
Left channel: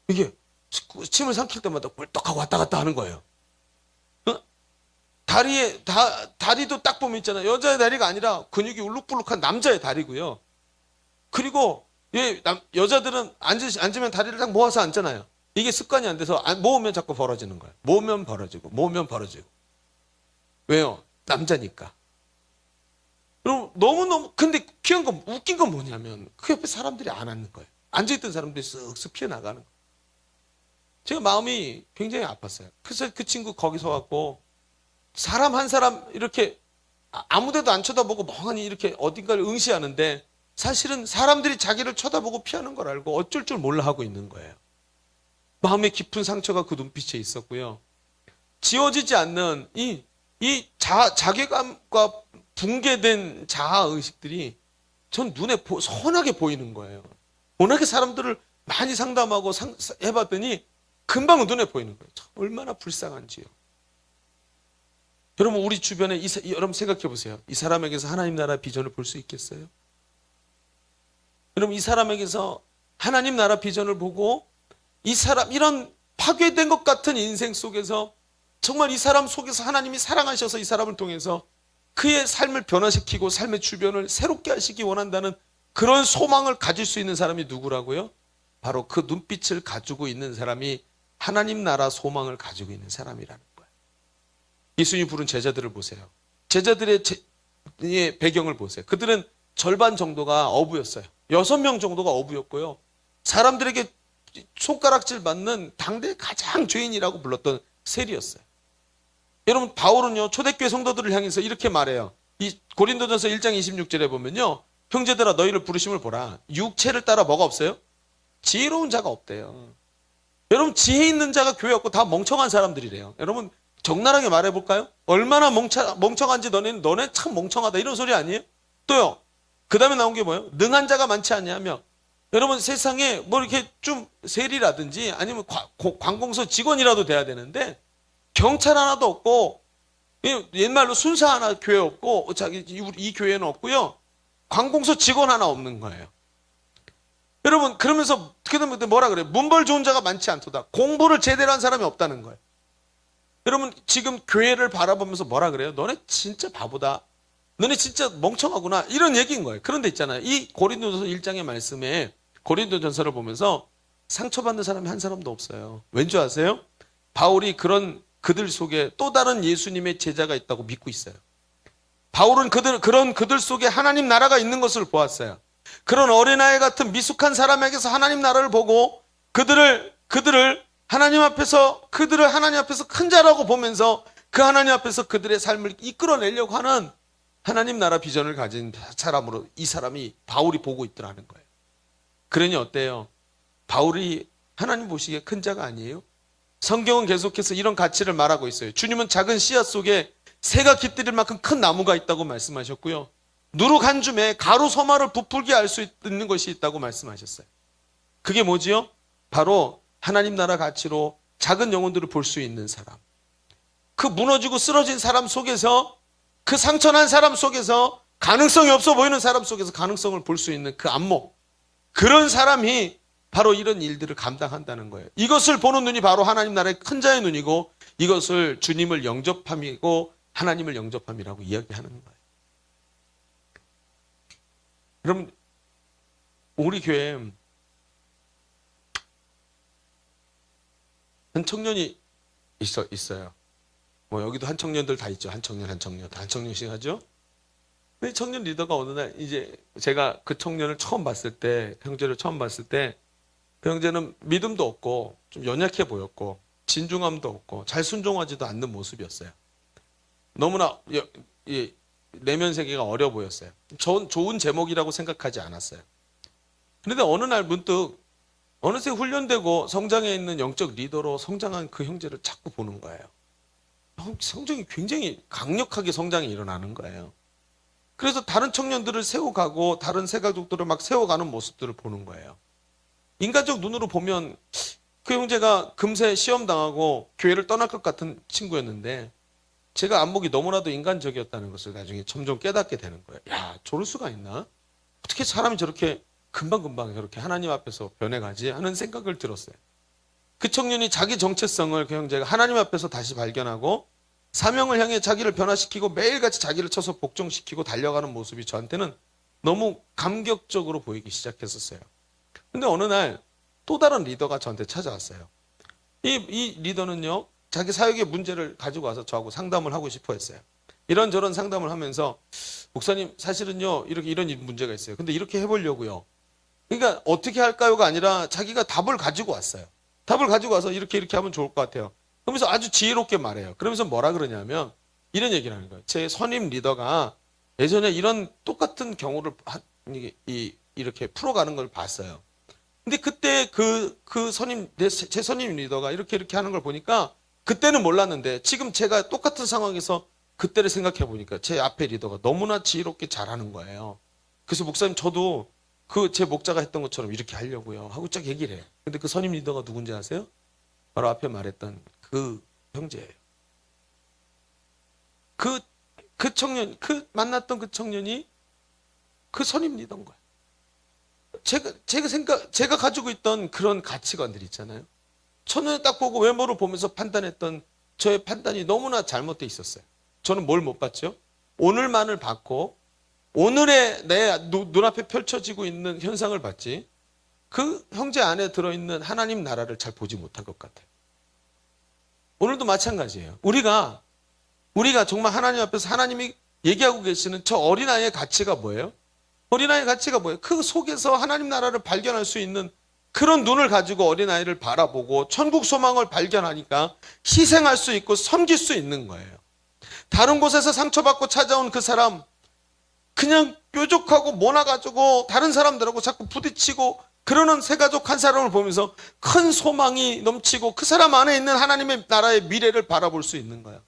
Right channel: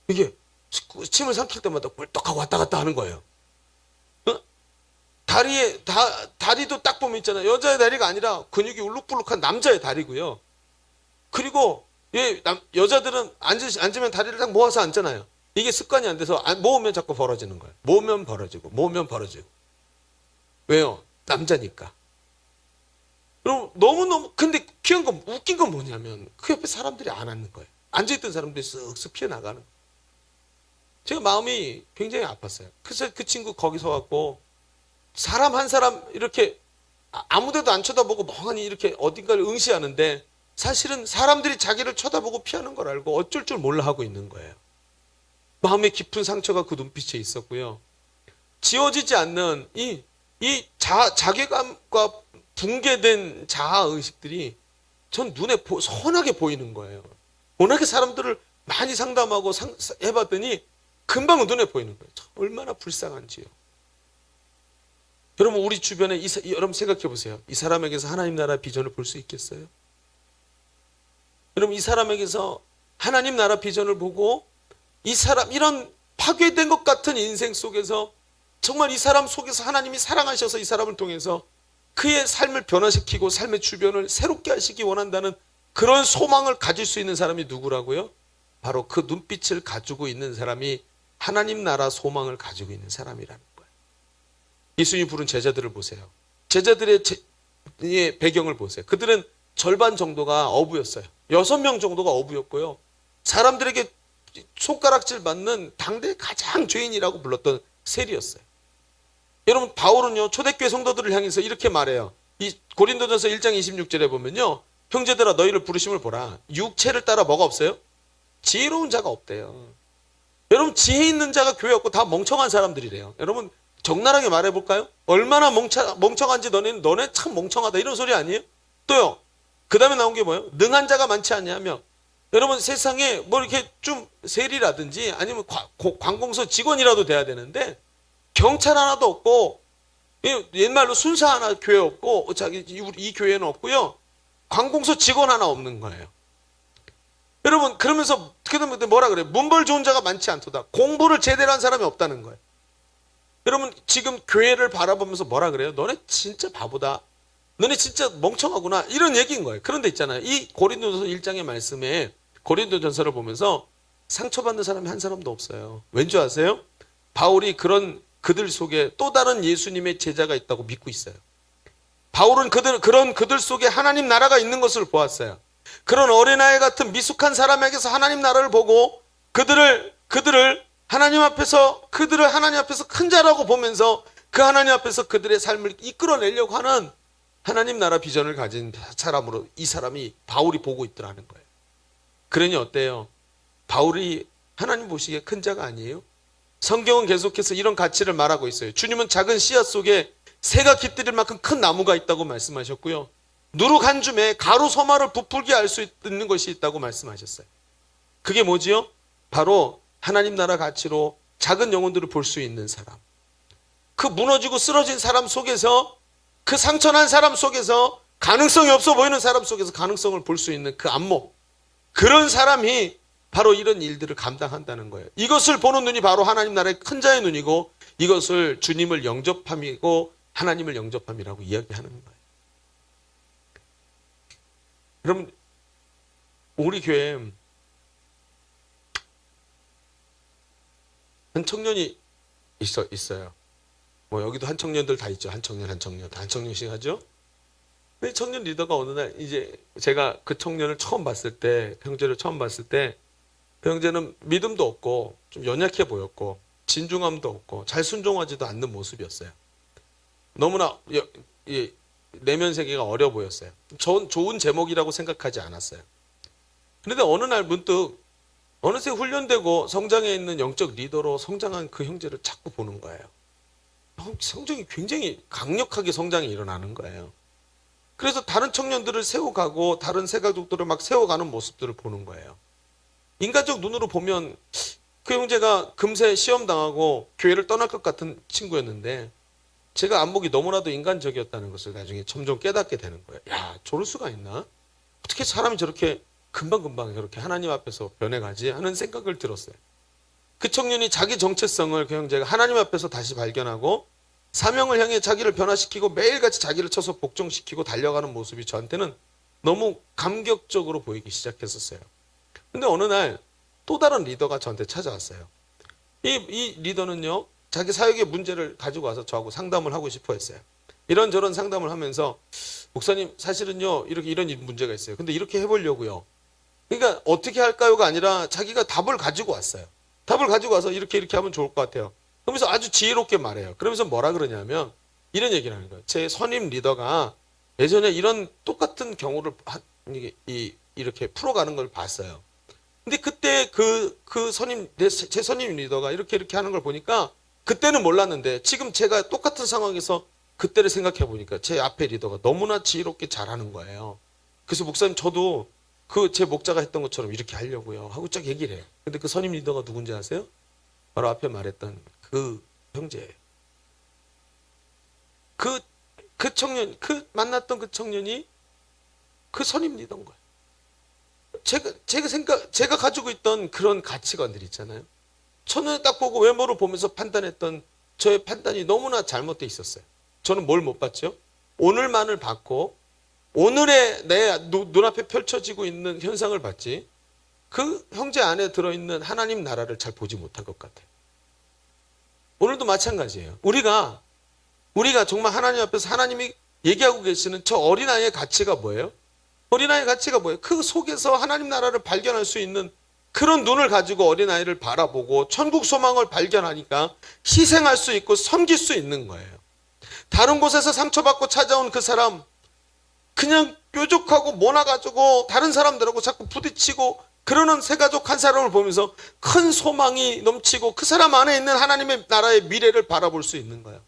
이게 침을 삼킬 때마다 꿀떡하고 왔다 갔다 하는 거예요. 어? 다리도 딱 보면 있잖아요. 여자의 다리가 아니라 근육이 울룩불룩한 남자의 다리고요. 그리고 여자들은 앉으면 다리를 딱 모아서 앉잖아요. 이게 습관이 안 돼서 모으면 자꾸 벌어지는 거예요. 모으면 벌어지고. 왜요? 남자니까. 그럼 너무너무, 근데 웃긴 건 뭐냐면, 그 옆에 사람들이 안 앉는 거예요. 앉아있던 사람들이 쓱쓱 피어나가는. 제가 마음이 굉장히 아팠어요. 그래서 그 친구 거기서 갖고, 사람 한 사람 이렇게 아무데도 안 쳐다보고 멍하니 이렇게 어딘가를 응시하는데, 사실은 사람들이 자기를 쳐다보고 피하는 걸 알고 어쩔 줄 몰라 하고 있는 거예요. 마음의 깊은 상처가 그 눈빛에 있었고요. 지워지지 않는 자괴감과 붕괴된 자아의식들이 전 눈에 선하게 보이는 거예요. 워낙에 사람들을 많이 상담하고 해봤더니 금방 눈에 보이는 거예요. 얼마나 불쌍한지요. 여러분 우리 주변에 여러분 생각해 보세요. 이 사람에게서 하나님 나라 비전을 볼 수 있겠어요? 여러분 이 사람에게서 하나님 나라 비전을 보고 이 사람 이런 파괴된 것 같은 인생 속에서 정말 이 사람 속에서 하나님이 사랑하셔서 이 사람을 통해서 그의 삶을 변화시키고 삶의 주변을 새롭게 하시기 원한다는 그런 소망을 가질 수 있는 사람이 누구라고요? 바로 그 눈빛을 가지고 있는 사람이 하나님 나라 소망을 가지고 있는 사람이라는 거예요. 예수님이 부른 제자들을 보세요. 제자들의 배경을 보세요. 그들은 절반 정도가 어부였어요. 6명 정도가 어부였고요. 사람들에게 손가락질 받는 당대 가장 죄인이라고 불렀던 세리였어요. 여러분 바울은요 초대교회 성도들을 향해서 이렇게 말해요. 이 고린도전서 1장 26절에 보면요. 형제들아 너희를 부르심을 보라. 육체를 따라 뭐가 없어요? 지혜로운 자가 없대요. 여러분 지혜 있는 자가 교회 없고 다 멍청한 사람들이래요. 여러분 적나라하게 말해볼까요? 얼마나 멍청한지 너네 참 멍청하다 이런 소리 아니에요? 또요. 그 다음에 나온 게 뭐예요? 능한 자가 많지 않냐며. 여러분 세상에 뭐 이렇게 좀 세리라든지 아니면 관공서 직원이라도 돼야 되는데 경찰 하나도 없고 옛말로 순사 하나 교회 없고 이 교회는 없고요. 관공서 직원 하나 없는 거예요. 여러분 그러면서 뭐라 그래요? 문벌 좋은 자가 많지 않도다. 공부를 제대로 한 사람이 없다는 거예요. 여러분 지금 교회를 바라보면서 뭐라 그래요? 너네 진짜 바보다. 너네 진짜 멍청하구나. 이런 얘기인 거예요. 그런데 있잖아요. 이 고린도전서 1장의 말씀에 고린도전서를 보면서 상처받는 사람이 한 사람도 없어요. 왠지 아세요? 바울이 그들 속에 또 다른 예수님의 제자가 있다고 믿고 있어요. 바울은 그들 속에 하나님 나라가 있는 것을 보았어요. 그런 어린아이 같은 미숙한 사람에게서 하나님 나라를 보고 그들을 하나님 앞에서 큰 자라고 보면서 그 하나님 앞에서 그들의 삶을 이끌어내려고 하는 하나님 나라 비전을 가진 사람으로 이 사람이 바울이 보고 있더라는 거예요. 그러니 어때요? 바울이 하나님 보시기에 큰 자가 아니에요? 성경은 계속해서 이런 가치를 말하고 있어요. 주님은 작은 씨앗 속에 새가 깃들일 만큼 큰 나무가 있다고 말씀하셨고요. 누룩 한 줌에 가루 소마를 부풀게 할 수 있는 것이 있다고 말씀하셨어요. 그게 뭐지요? 바로 하나님 나라 가치로 작은 영혼들을 볼 수 있는 사람. 그 무너지고 쓰러진 사람 속에서 그 상처난 사람 속에서 가능성이 없어 보이는 사람 속에서 가능성을 볼 수 있는 그 안목. 그런 사람이 바로 이런 일들을 감당한다는 거예요. 이것을 보는 눈이 바로 하나님 나라의 큰 자의 눈이고 이것을 주님을 영접함이고 하나님을 영접함이라고 이야기하는 거예요. 여러분 우리 교회에 한 청년이 있어요. 뭐 여기도 한 청년들 다 있죠. 한 청년씩 하죠. 근데 청년 리더가 어느 날 이제 제가 그 청년을 처음 봤을 때, 형제를 처음 봤을 때 그 형제는 믿음도 없고 좀 연약해 보였고 진중함도 없고 잘 순종하지도 않는 모습이었어요. 너무나 내면 세계가 어려 보였어요. 좋은 제목이라고 생각하지 않았어요. 그런데 어느 날 문득 어느새 훈련되고 성장해 있는 영적 리더로 성장한 그 형제를 자꾸 보는 거예요. 성장이 굉장히 강력하게 성장이 일어나는 거예요. 그래서 다른 청년들을 세워가고 다른 새가족들을 막 세워가는 모습들을 보는 거예요. 인간적 눈으로 보면 그 형제가 금세 시험 당하고 교회를 떠날 것 같은 친구였는데 제가 안목이 너무나도 인간적이었다는 것을 나중에 점점 깨닫게 되는 거예요. 야, 저럴 수가 있나? 어떻게 사람이 저렇게 금방금방 저렇게 하나님 앞에서 변해가지? 하는 생각을 들었어요. 그 청년이 자기 정체성을 그 형제가 하나님 앞에서 다시 발견하고 사명을 향해 자기를 변화시키고 매일같이 자기를 쳐서 복종시키고 달려가는 모습이 저한테는 너무 감격적으로 보이기 시작했었어요. 근데 어느 날 또 다른 리더가 저한테 찾아왔어요. 이 리더는요, 자기 사역의 문제를 가지고 와서 저하고 상담을 하고 싶어 했어요. 이런저런 상담을 하면서, 목사님, 사실은요, 이런 문제가 있어요. 근데 이렇게 해보려고요. 그러니까 어떻게 할까요가 아니라 자기가 답을 가지고 왔어요. 답을 가지고 와서 이렇게 하면 좋을 것 같아요. 그러면서 아주 지혜롭게 말해요. 그러면서 뭐라 그러냐면, 이런 얘기를 하는 거예요. 제 선임 리더가 예전에 이런 똑같은 경우를 이렇게 풀어가는 걸 봤어요. 근데 그때 제 선임 리더가 이렇게 하는 걸 보니까 그때는 몰랐는데 지금 제가 똑같은 상황에서 그때를 생각해 보니까 제 앞에 리더가 너무나 지혜롭게 잘하는 거예요. 그래서 목사님 저도 제 목자가 했던 것처럼 이렇게 하려고요 하고 쫙 얘기를 해요. 근데 그 선임 리더가 누군지 아세요? 바로 앞에 말했던 그 형제예요. 만났던 그 청년이 그 선임 리더인 거야. 제가 가지고 있던 그런 가치관들 있잖아요. 첫눈에 딱 보고 외모를 보면서 판단했던 저의 판단이 너무나 잘못되어 있었어요. 저는 뭘 못 봤죠? 오늘만을 봤고, 오늘의 내 눈앞에 펼쳐지고 있는 현상을 봤지, 그 형제 안에 들어있는 하나님 나라를 잘 보지 못할 것 같아요. 오늘도 마찬가지예요. 우리가 정말 하나님 앞에서 하나님이 얘기하고 계시는 저 어린아이의 가치가 뭐예요? 어린아이의 가치가 뭐예요? 그 속에서 하나님 나라를 발견할 수 있는 그런 눈을 가지고 어린아이를 바라보고 천국 소망을 발견하니까 희생할 수 있고 섬길 수 있는 거예요. 다른 곳에서 상처받고 찾아온 그 사람, 그냥 뾰족하고 모나가지고 다른 사람들하고 자꾸 부딪히고 그러는 새가족 한 사람을 보면서 큰 소망이 넘치고 그 사람 안에 있는 하나님의 나라의 미래를 바라볼 수 있는 거예요.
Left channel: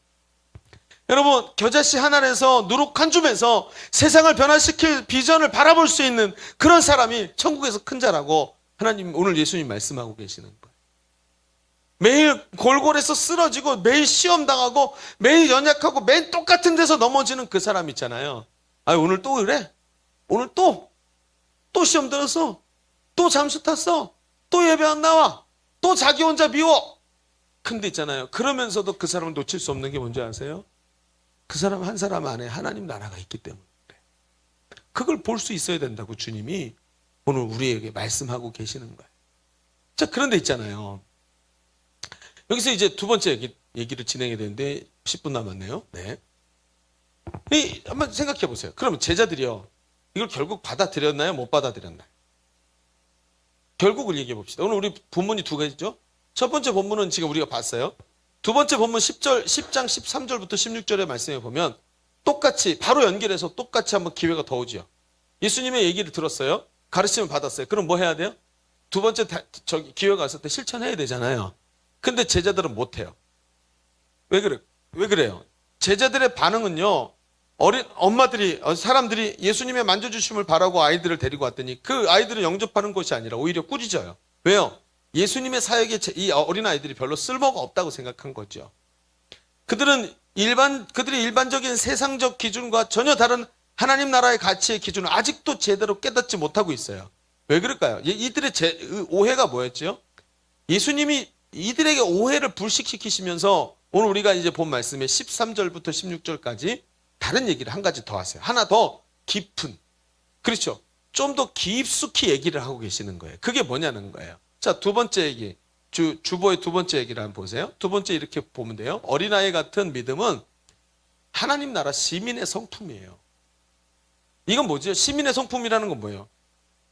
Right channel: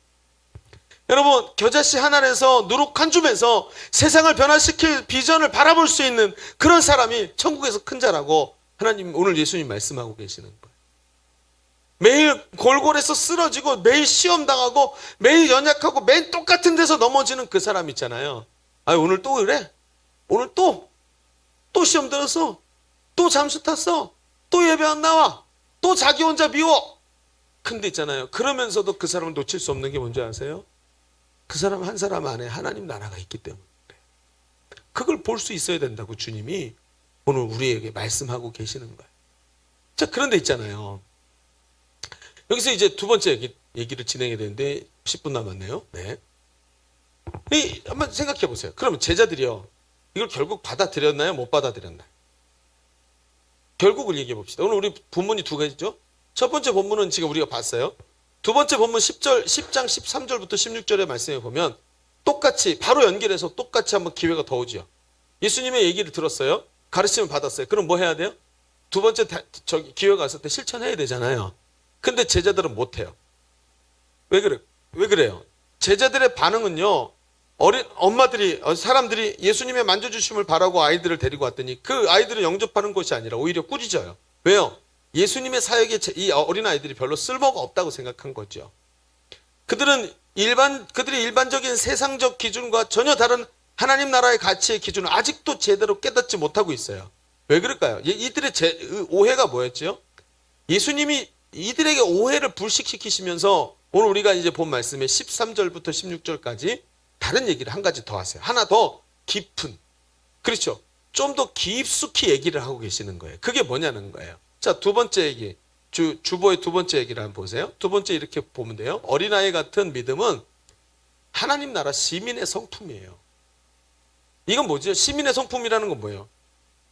여러분, 겨자씨 하나에서 누룩 한 줌에서 세상을 변화시킬 비전을 바라볼 수 있는 그런 사람이 천국에서 큰 자라고 하나님, 오늘 예수님 말씀하고 계시는 거예요. 매일 골골에서 쓰러지고 매일 시험 당하고 매일 연약하고 매일 똑같은 데서 넘어지는 그 사람 있잖아요. 오늘 또 그래? 오늘 또 시험 들었어? 또 잠수 탔어? 또 예배 안 나와? 또 자기 혼자 미워? 근데 있잖아요. 그러면서도 그 사람을 놓칠 수 없는 게 뭔지 아세요? 그 사람 한 사람 안에 하나님 나라가 있기 때문에 그걸 볼 수 있어야 된다고 주님이 오늘 우리에게 말씀하고 계시는 거예요. 자, 그런데 있잖아요. 여기서 이제 두 번째 얘기를 진행해야 되는데 10분 남았네요. 네. 한번 생각해 보세요. 그러면 제자들이요, 이걸 결국 받아들였나요? 못 받아들였나요? 결국을 얘기해 봅시다. 오늘 우리 본문이 두 가지죠. 첫 번째 본문은 지금 우리가 봤어요. 두 번째 본문 10장 13절부터 16절의 말씀에 보면 똑같이 바로 연결해서 똑같이 한번 기회가 더 오죠. 예수님의 얘기를 들었어요. 가르침을 받았어요. 그럼 뭐 해야 돼요? 두 번째 기회가 왔을 때 실천해야 되잖아요. 근데 제자들은 못해요. 왜 그래요? 제자들의 반응은요, 사람들이 예수님의 만져주심을 바라고 아이들을 데리고 왔더니 그 아이들을 영접하는 것이 아니라 오히려 꾸짖어요. 왜요? 예수님의 사역에 이 어린아이들이 별로 쓸모가 없다고 생각한 거죠. 그들이 일반적인 세상적 기준과 전혀 다른 하나님 나라의 가치의 기준을 아직도 제대로 깨닫지 못하고 있어요. 왜 그럴까요? 이들의 오해가 뭐였죠? 예수님이 이들에게 오해를 불식시키시면서 오늘 우리가 이제 본 말씀에 13절부터 16절까지 다른 얘기를 한 가지 더 하세요. 하나 더 깊은, 그렇죠? 좀 더 깊숙이 얘기를 하고 계시는 거예요. 그게 뭐냐는 거예요. 자, 두 번째 얘기, 주보의 두 번째 얘기를 한번 보세요. 두 번째 이렇게 보면 돼요. 어린아이 같은 믿음은 하나님 나라 시민의 성품이에요. 이건 뭐죠? 시민의 성품이라는 건 뭐예요?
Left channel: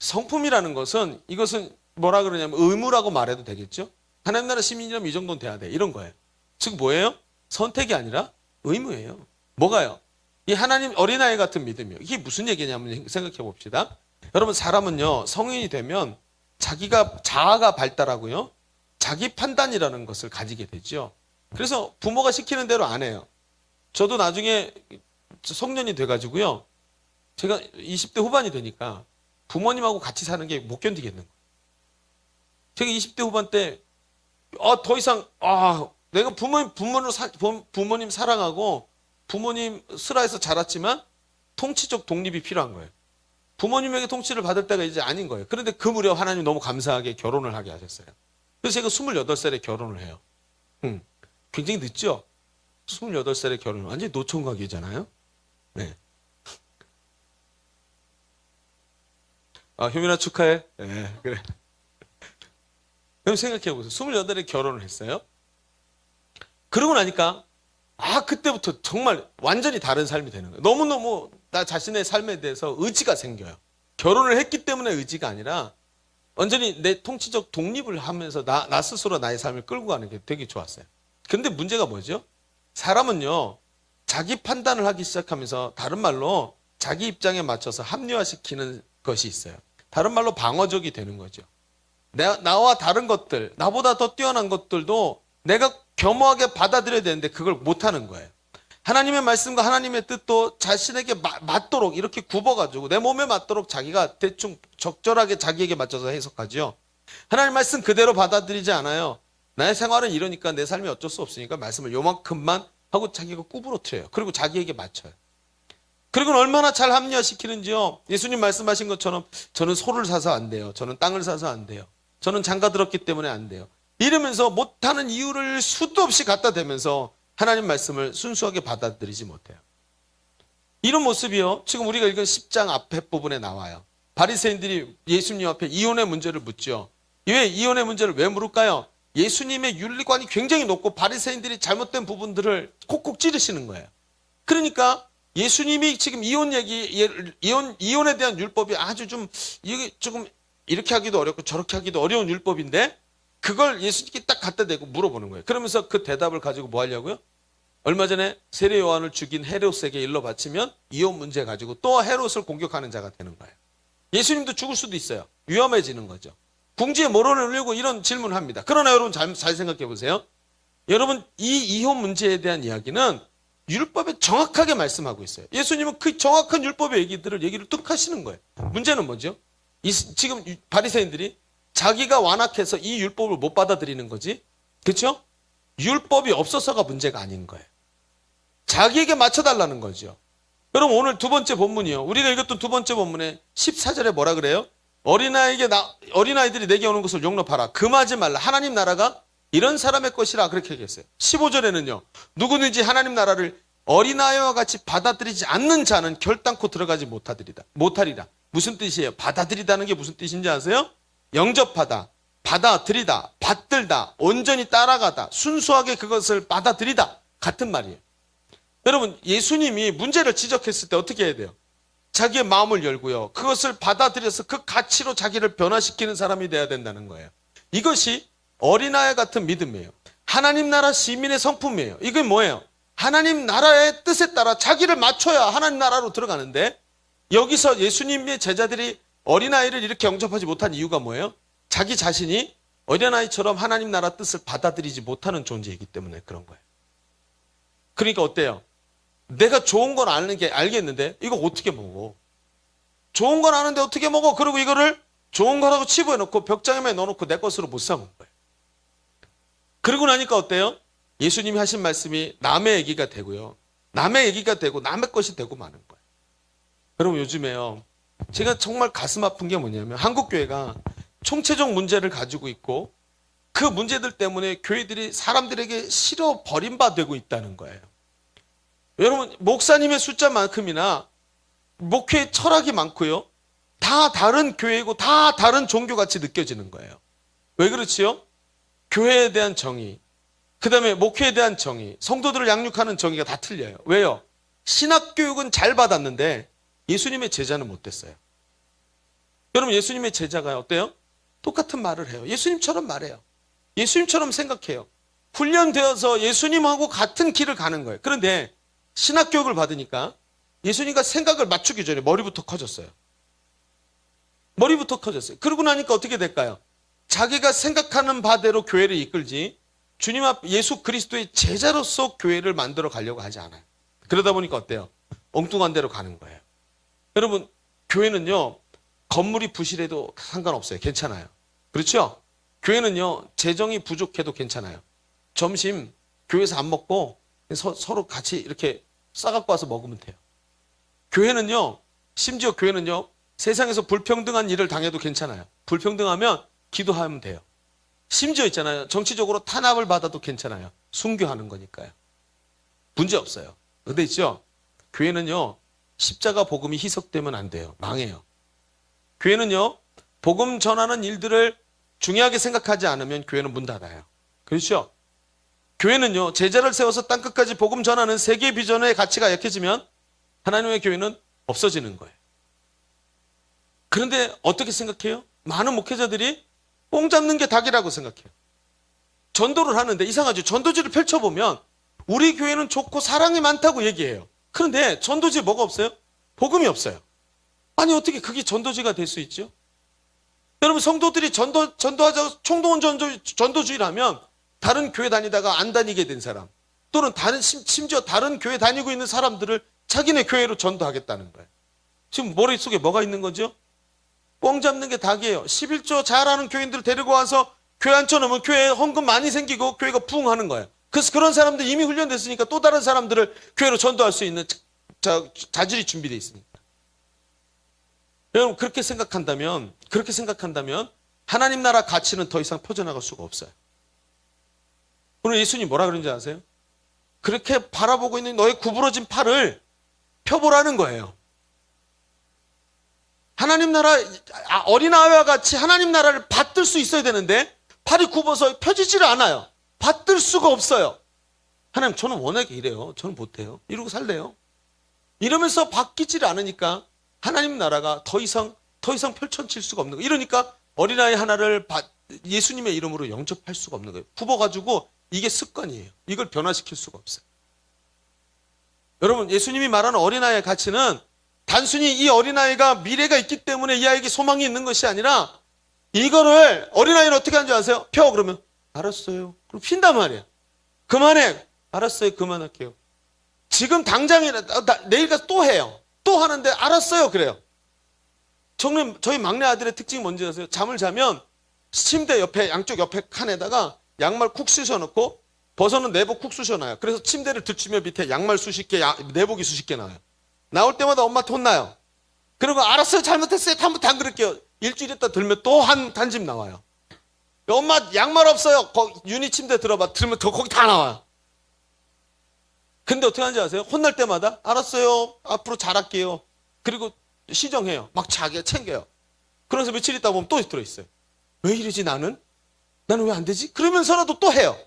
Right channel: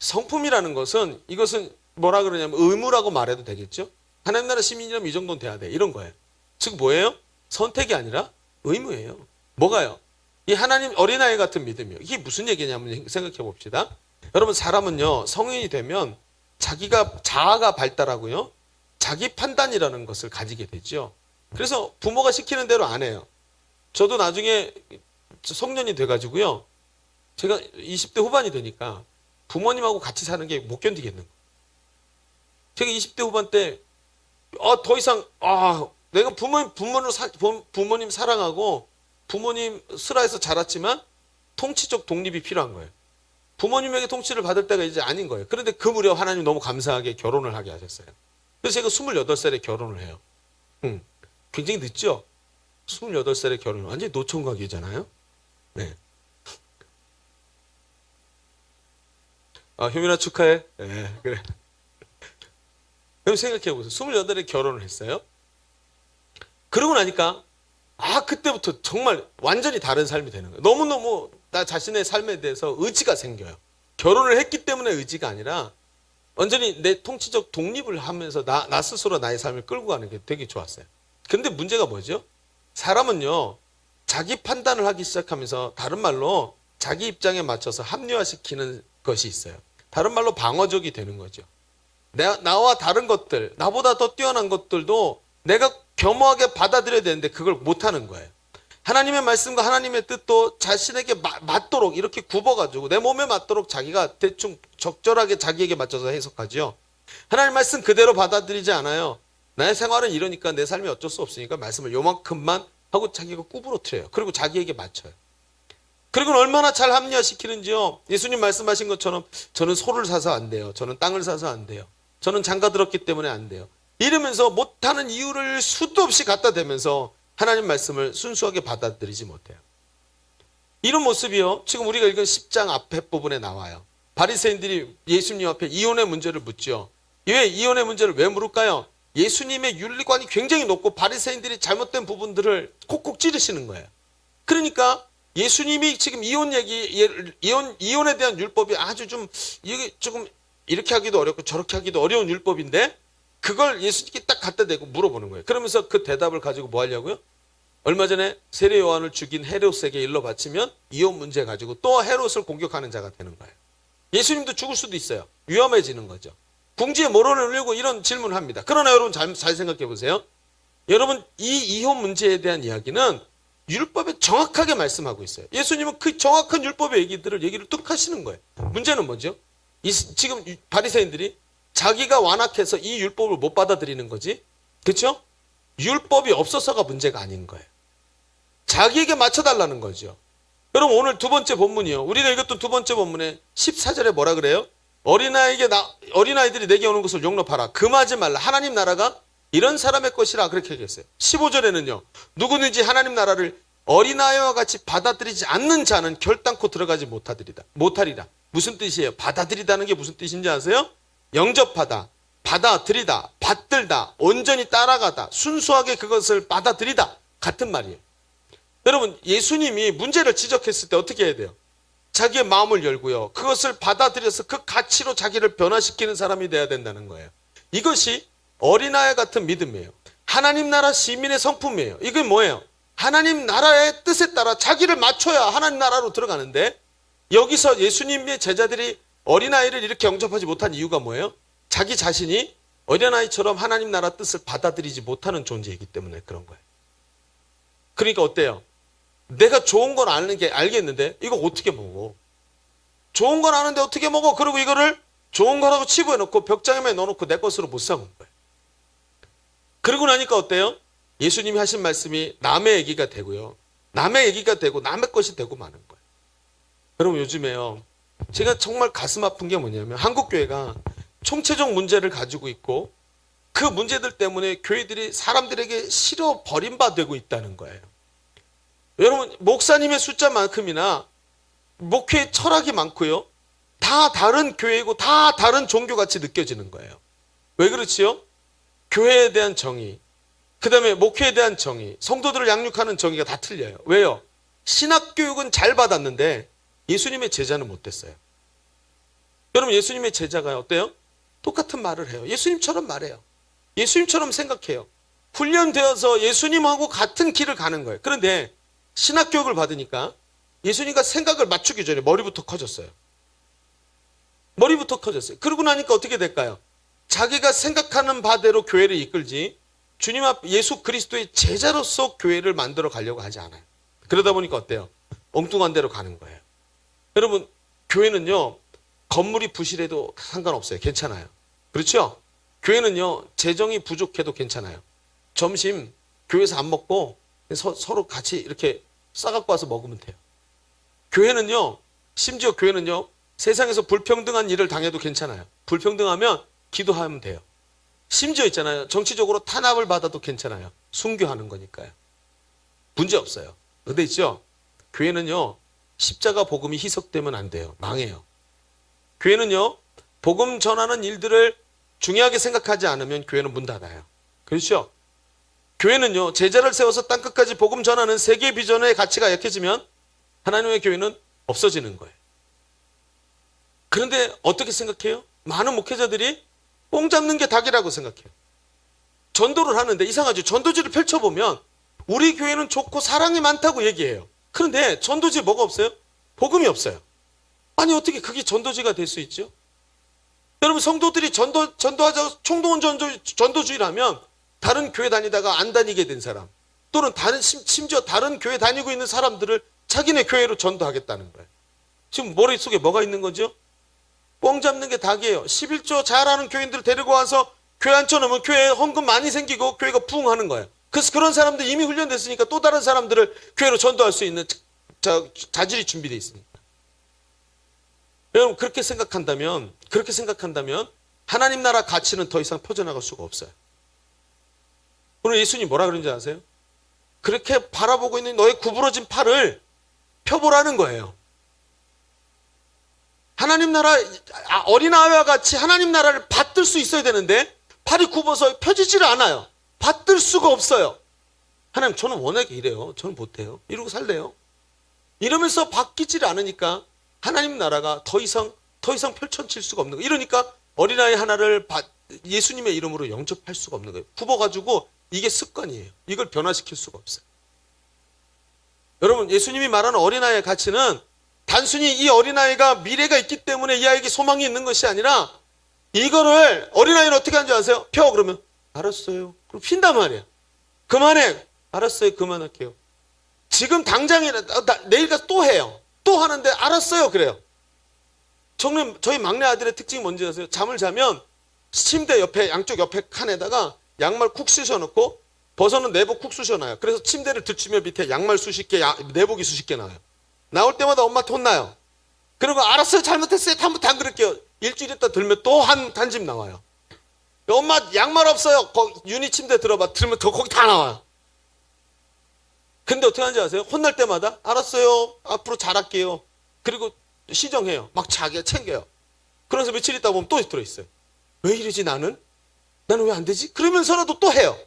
성품이라는 것은, 이것은 뭐라 그러냐면 의무라고 말해도 되겠죠? 하나님 나라 시민이라면 이 정도는 돼야 돼. 이런 거예요. 즉 뭐예요? 선택이 아니라 의무예요. 뭐가요? 이 하나님 어린아이 같은 믿음이요. 이게 무슨 얘기냐면 생각해 봅시다. 여러분, 사람은요, 성인이 되면 자아가 발달하고요, 자기 판단이라는 것을 가지게 되죠. 그래서 부모가 시키는 대로 안 해요. 저도 나중에 성년이 돼가지고요. 제가 20대 후반이 되니까 부모님하고 같이 사는 게 못 견디겠는 거예요. 제가 20대 후반 때, 더 이상, 내가 부모님 사랑하고 부모님 슬하에서 자랐지만 통치적 독립이 필요한 거예요. 부모님에게 통치를 받을 때가 이제 아닌 거예요. 그런데 그 무렵 하나님 너무 감사하게 결혼을 하게 하셨어요. 그래서 제가 28살에 결혼을 해요. 굉장히 늦죠? 28살에 결혼. 완전히 노총각이잖아요. 네. 효민아 축하해. 네, 그래. 그럼 생각해보세요. 28에 결혼을 했어요. 그러고 나니까, 그때부터 정말 완전히 다른 삶이 되는 거예요. 너무너무 나 자신의 삶에 대해서 의지가 생겨요. 결혼을 했기 때문에 의지가 아니라, 완전히 내 통치적 독립을 하면서 나 스스로 나의 삶을 끌고 가는 게 되게 좋았어요. 근데 문제가 뭐죠? 사람은요, 자기 판단을 하기 시작하면서 다른 말로 자기 입장에 맞춰서 합리화시키는 것이 있어요. 다른 말로 방어적이 되는 거죠. 나와 다른 것들, 나보다 더 뛰어난 것들도 내가 겸허하게 받아들여야 되는데 그걸 못하는 거예요. 하나님의 말씀과 하나님의 뜻도 자신에게 맞도록 이렇게 굽어가지고 내 몸에 맞도록 자기가 대충 적절하게 자기에게 맞춰서 해석하죠. 하나님 말씀 그대로 받아들이지 않아요. 나의 생활은 이러니까 내 삶이 어쩔 수 없으니까 말씀을 요만큼만 하고 자기가 구부러뜨려요. 그리고 자기에게 맞춰요. 그리고 얼마나 잘 합리화시키는지요. 예수님 말씀하신 것처럼 저는 소를 사서 안 돼요. 저는 땅을 사서 안 돼요. 저는 장가 들었기 때문에 안 돼요. 이러면서 못하는 이유를 수도 없이 갖다 대면서 하나님 말씀을 순수하게 받아들이지 못해요. 이런 모습이요. 지금 우리가 읽은 10장 앞에 부분에 나와요. 바리새인들이 예수님 앞에 이혼의 문제를 묻죠. 왜 이혼의 문제를 왜 물을까요? 예수님의 윤리관이 굉장히 높고 바리새인들이 잘못된 부분들을 콕콕 찌르시는 거예요. 그러니까 예수님이 지금 이혼에 대한 율법이 아주 이게 조금 이렇게 하기도 어렵고 저렇게 하기도 어려운 율법인데 그걸 예수님께 딱 갖다 대고 물어보는 거예요. 그러면서 그 대답을 가지고 뭐 하려고요? 얼마 전에 세례 요한을 죽인 헤롯에게 일러 바치면 이혼 문제 가지고 또 헤롯을 공격하는 자가 되는 거예요. 예수님도 죽을 수도 있어요. 위험해지는 거죠. 궁지에 모론을 울리고 이런 질문을 합니다. 그러나 여러분 잘 생각해 보세요. 여러분 이 이혼 문제에 대한 이야기는 율법에 정확하게 말씀하고 있어요. 예수님은 그 정확한 율법의 얘기를 뚝 하시는 거예요. 문제는 뭐죠? 지금 바리새인들이 자기가 완악해서 이 율법을 못 받아들이는 거지. 그렇죠? 율법이 없어서가 문제가 아닌 거예요. 자기에게 맞춰달라는 거죠. 여러분 오늘 두 번째 본문이요. 우리가 읽었던 두 번째 본문에 14절에 뭐라 그래요? 어린아이들이 내게 오는 것을 용납하라. 금하지 말라. 하나님 나라가 이런 사람의 것이라 그렇게 얘기했어요. 15절에는요. 누구든지 하나님 나라를 어린아이와 같이 받아들이지 않는 자는 결단코 들어가지 못하리라. 무슨 뜻이에요? 받아들이다는 게 무슨 뜻인지 아세요? 영접하다, 받아들이다, 받들다, 온전히 따라가다, 순수하게 그것을 받아들이다. 같은 말이에요. 여러분 예수님이 문제를 지적했을 때 어떻게 해야 돼요? 자기의 마음을 열고요. 그것을 받아들여서 그 가치로 자기를 변화시키는 사람이 돼야 된다는 거예요. 이것이 어린아이 같은 믿음이에요. 하나님 나라 시민의 성품이에요. 이게 뭐예요? 하나님 나라의 뜻에 따라 자기를 맞춰야 하나님 나라로 들어가는데 여기서 예수님의 제자들이 어린아이를 이렇게 영접하지 못한 이유가 뭐예요? 자기 자신이 어린아이처럼 하나님 나라 뜻을 받아들이지 못하는 존재이기 때문에 그런 거예요. 그러니까 어때요? 내가 좋은 건 알겠는데 이거 어떻게 먹어? 좋은 건 아는데 어떻게 먹어? 그리고 이거를 좋은 거라고 치부해놓고 벽장에 넣어놓고 내 것으로 못 사먹는 거예요. 그러고 나니까 어때요? 예수님이 하신 말씀이 남의 얘기가 되고요. 남의 얘기가 되고 남의 것이 되고 마는 거예요. 여러분 요즘에요. 제가 정말 가슴 아픈 게 뭐냐면 한국교회가 총체적 문제를 가지고 있고 그 문제들 때문에 교회들이 사람들에게 싫어 버림받고 있다는 거예요. 여러분 목사님의 숫자만큼이나 목회의 철학이 많고요. 다 다른 교회이고 다 다른 종교같이 느껴지는 거예요. 왜 그렇지요? 교회에 대한 정의, 그 다음에 목회에 대한 정의, 성도들을 양육하는 정의가 다 틀려요. 왜요? 신학교육은 잘 받았는데 예수님의 제자는 못 됐어요. 여러분 예수님의 제자가 어때요? 똑같은 말을 해요. 예수님처럼 말해요. 예수님처럼 생각해요. 훈련되어서 예수님하고 같은 길을 가는 거예요. 그런데 신학교육을 받으니까 예수님과 생각을 맞추기 전에 머리부터 커졌어요. 머리부터 커졌어요. 그러고 나니까 어떻게 될까요? 자기가 생각하는 바대로 교회를 이끌지 주님 앞 예수 그리스도의 제자로서 교회를 만들어 가려고 하지 않아요. 그러다 보니까 어때요? 엉뚱한 데로 가는 거예요. 여러분, 교회는요, 건물이 부실해도 상관없어요. 괜찮아요. 그렇죠? 교회는요, 재정이 부족해도 괜찮아요. 점심 교회에서 안 먹고 서로 같이 이렇게 싸갖고 와서 먹으면 돼요. 교회는요, 심지어 교회는요, 세상에서 불평등한 일을 당해도 괜찮아요. 불평등하면 기도하면 돼요. 심지어 있잖아요. 정치적으로 탄압을 받아도 괜찮아요. 순교하는 거니까요. 문제 없어요. 근데 있죠? 교회는요, 십자가 복음이 희석되면 안 돼요. 망해요. 교회는요, 복음 전하는 일들을 중요하게 생각하지 않으면 교회는 문 닫아요. 그렇죠? 교회는요, 제자를 세워서 땅끝까지 복음 전하는 세계 비전의 가치가 약해지면 하나님의 교회는 없어지는 거예요. 그런데 어떻게 생각해요? 많은 목회자들이 뽕 잡는 게 닭이라고 생각해요. 전도를 하는데 이상하죠. 전도지를 펼쳐보면 우리 교회는 좋고 사랑이 많다고 얘기해요. 그런데 전도지에 뭐가 없어요? 복음이 없어요. 아니 어떻게 그게 전도지가 될 수 있죠? 여러분 성도들이 전도하자고 총동원 전도주의라면 다른 교회 다니다가 안 다니게 된 사람 또는 심지어 다른 교회 다니고 있는 사람들을 자기네 교회로 전도하겠다는 거예요. 지금 머릿속에 뭐가 있는 거죠? 뽕 잡는 게 닭이에요. 11조 잘하는 교인들 데리고 와서 교회 앉혀놓으면 교회에 헌금 많이 생기고 교회가 부흥하는 거예요. 그래서 그런 사람들 이미 훈련됐으니까 또 다른 사람들을 교회로 전도할 수 있는 자질이 준비되어 있습니다. 여러분 그렇게 생각한다면 하나님 나라 가치는 더 이상 퍼져나갈 수가 없어요. 오늘 예수님 뭐라 그런지 아세요? 그렇게 바라보고 있는 너의 구부러진 팔을 펴보라는 거예요. 하나님 나라 어린아이와 같이 하나님 나라를 받들 수 있어야 되는데 팔이 굽어서 펴지질 않아요. 받들 수가 없어요. 하나님 저는 워낙에 이래요. 저는 못해요. 이러고 살래요. 이러면서 바뀌질 않으니까 하나님 나라가 더 이상 펼쳐질 수가 없는 거예요. 이러니까 어린아이 하나를 예수님의 이름으로 영접할 수가 없는 거예요. 굽어가지고 이게 습관이에요. 이걸 변화시킬 수가 없어요. 여러분 예수님이 말하는 어린아이의 가치는 단순히 이 어린아이가 미래가 있기 때문에 이 아이에게 소망이 있는 것이 아니라 이거를 어린아이는 어떻게 하는지 아세요? 펴 그러면 알았어요. 그럼 핀단 말이에요. 그만해. 알았어요. 그만할게요. 지금 당장에 내일 가서 또 해요. 또 하는데 알았어요. 그래요. 저희 막내 아들의 특징이 뭔지 아세요? 잠을 자면 침대 옆에 양쪽 옆에 칸에다가 양말 쿡 쑤셔놓고 벗어는 내복 쿡 쑤셔놔요. 그래서 침대를 들추면 밑에 양말 수십 개, 내복이 수십 개 나와요. 나올 때마다 엄마한테 혼나요. 그리고 알았어요. 잘못했어요. 다음부터 안 그럴게요. 일주일 있다 들면 또 한 집 나와요. 엄마 양말 없어요. 유니 침대 들어봐. 들으면 더 거기 다 나와요. 근데 어떻게 하는지 아세요? 혼날 때마다 알았어요. 앞으로 잘할게요. 그리고 시정해요. 막 자기가 챙겨요. 그러면서 며칠 있다 보면 또 들어있어요. 왜 이러지 나는? 나는 왜 안 되지? 그러면서라도 또 해요.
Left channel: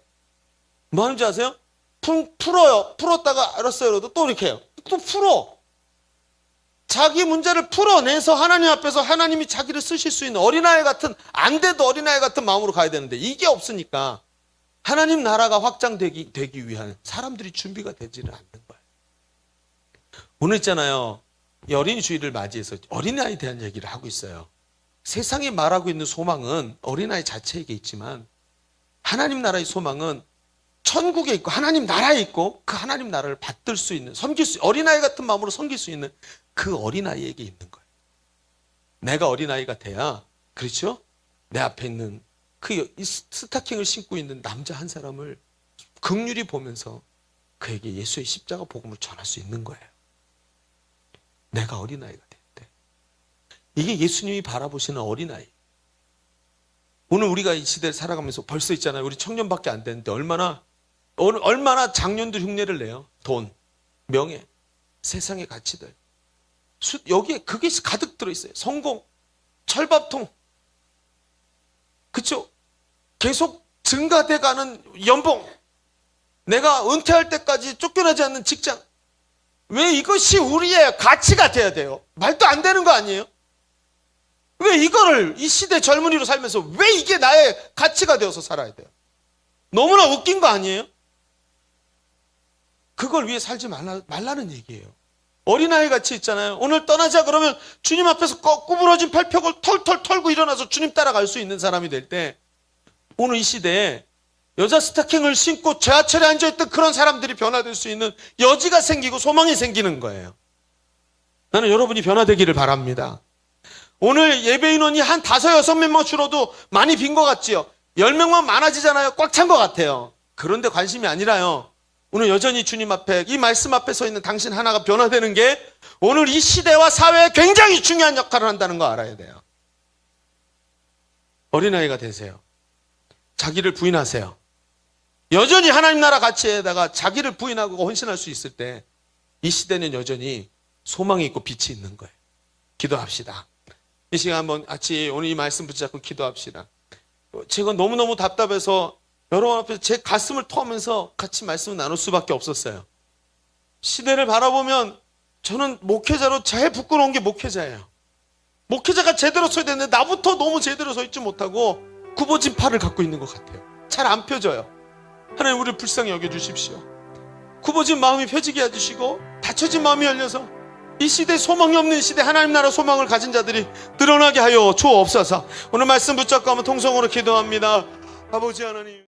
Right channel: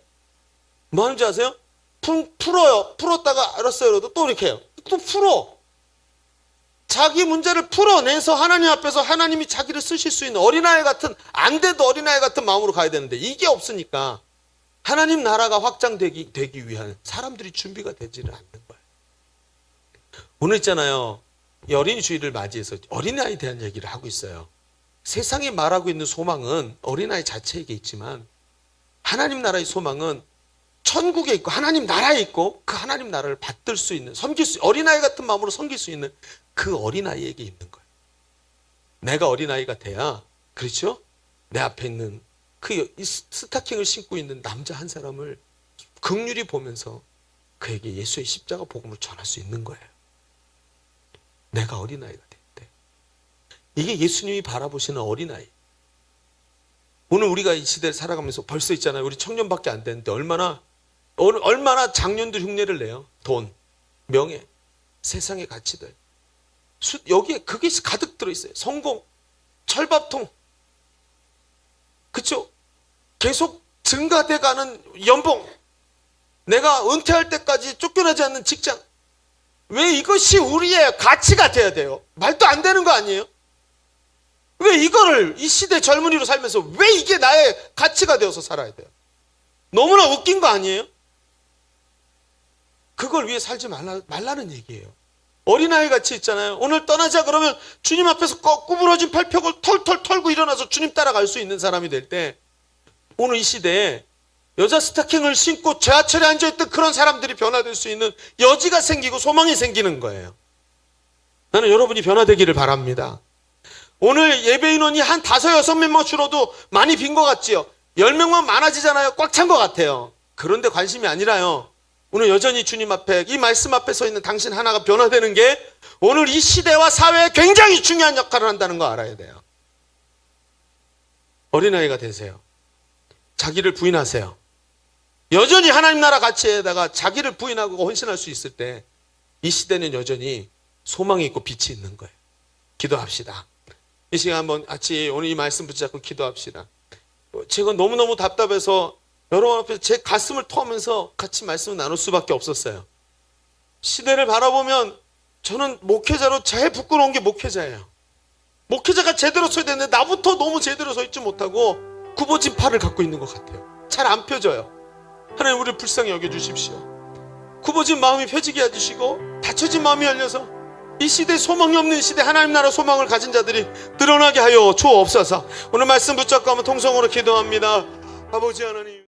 뭐 하는지 아세요? 풀어요. 풀었다가 알았어요. 그래도 또 이렇게 해요. 또 풀어. 자기 문제를 풀어내서 하나님 앞에서 하나님이 자기를 쓰실 수 있는 어린아이 같은 안 돼도 어린아이 같은 마음으로 가야 되는데 이게 없으니까 하나님 나라가 확장되기 위한 사람들이 준비가 되지는 않는 거예요. 오늘 있잖아요. 이 어린이 주일을 맞이해서 어린아이에 대한 얘기를 하고 있어요. 세상이 말하고 있는 소망은 어린아이 자체에게 있지만 하나님 나라의 소망은 천국에 있고 하나님 나라에 있고 그 하나님 나라를 받들 수 있는 어린아이 같은 마음으로 섬길 수 있는 그 어린아이에게 있는 거예요. 내가 어린아이가 돼야 그렇죠? 내 앞에 있는 그 스타킹을 신고 있는 남자 한 사람을 긍휼히 보면서 그에게 예수의 십자가 복음을 전할 수 있는 거예요. 내가 어린아이가 될 때. 이게 예수님이 바라보시는 어린아이. 오늘 우리가 이 시대를 살아가면서 벌써 있잖아요. 우리 청년밖에 안 되는데 얼마나 장년들 흉내를 내요. 돈, 명예, 세상의 가치들. 여기에 그게 가득 들어있어요. 성공, 철밥통. 그쵸? 계속 증가돼가는 연봉. 내가 은퇴할 때까지 쫓겨나지 않는 직장. 왜 이것이 우리의 가치가 돼야 돼요? 말도 안 되는 거 아니에요? 왜 이거를 이 시대 젊은이로 살면서 왜 이게 나의 가치가 되어서 살아야 돼요? 너무나 웃긴 거 아니에요? 그걸 위해 살지 말라는 얘기예요. 어린아이 같이 있잖아요. 오늘 떠나자 그러면 주님 앞에서 구부러진 팔벽을 털털 털고 일어나서 주님 따라갈 수 있는 사람이 될 때 오늘 이 시대에 여자 스타킹을 신고 지하철에 앉아있던 그런 사람들이 변화될 수 있는 여지가 생기고 소망이 생기는 거예요. 나는 여러분이 변화되기를 바랍니다. 오늘 예배 인원이 한 5, 6명만 줄어도 많이 빈 것 같지요? 10명만 많아지잖아요. 꽉 찬 것 같아요. 그런데 관심이 아니라요. 오늘 여전히 주님 앞에 이 말씀 앞에 서 있는 당신 하나가 변화되는 게 오늘 이 시대와 사회에 굉장히 중요한 역할을 한다는 거 알아야 돼요. 어린아이가 되세요. 자기를 부인하세요. 여전히 하나님 나라 가치에다가 자기를 부인하고 헌신할 수 있을 때 이 시대는 여전히 소망이 있고 빛이 있는 거예요. 기도합시다. 이 시간 한번 같이 오늘 이 말씀 붙잡고 기도합시다. 제가 너무너무 답답해서 여러분 앞에서 제 가슴을 터면서 같이 말씀을 나눌 수밖에 없었어요. 시대를 바라보면 저는 목회자로 제일 부끄러운 게 목회자예요. 목회자가 제대로 서야 되는데 나부터 너무 제대로 서 있지 못하고 굽어진 팔을 갖고 있는 것 같아요. 잘 안 펴져요. 하나님 우리를 불쌍히 여겨주십시오. 굽어진 마음이 펴지게 해주시고 닫혀진 마음이 열려서 이 시대에 소망이 없는 시대 하나님 나라 소망을 가진 자들이 드러나게 하여 주옵소서. 오늘 말씀 붙잡고 한번 통성으로 기도합니다. 아버지 하나님.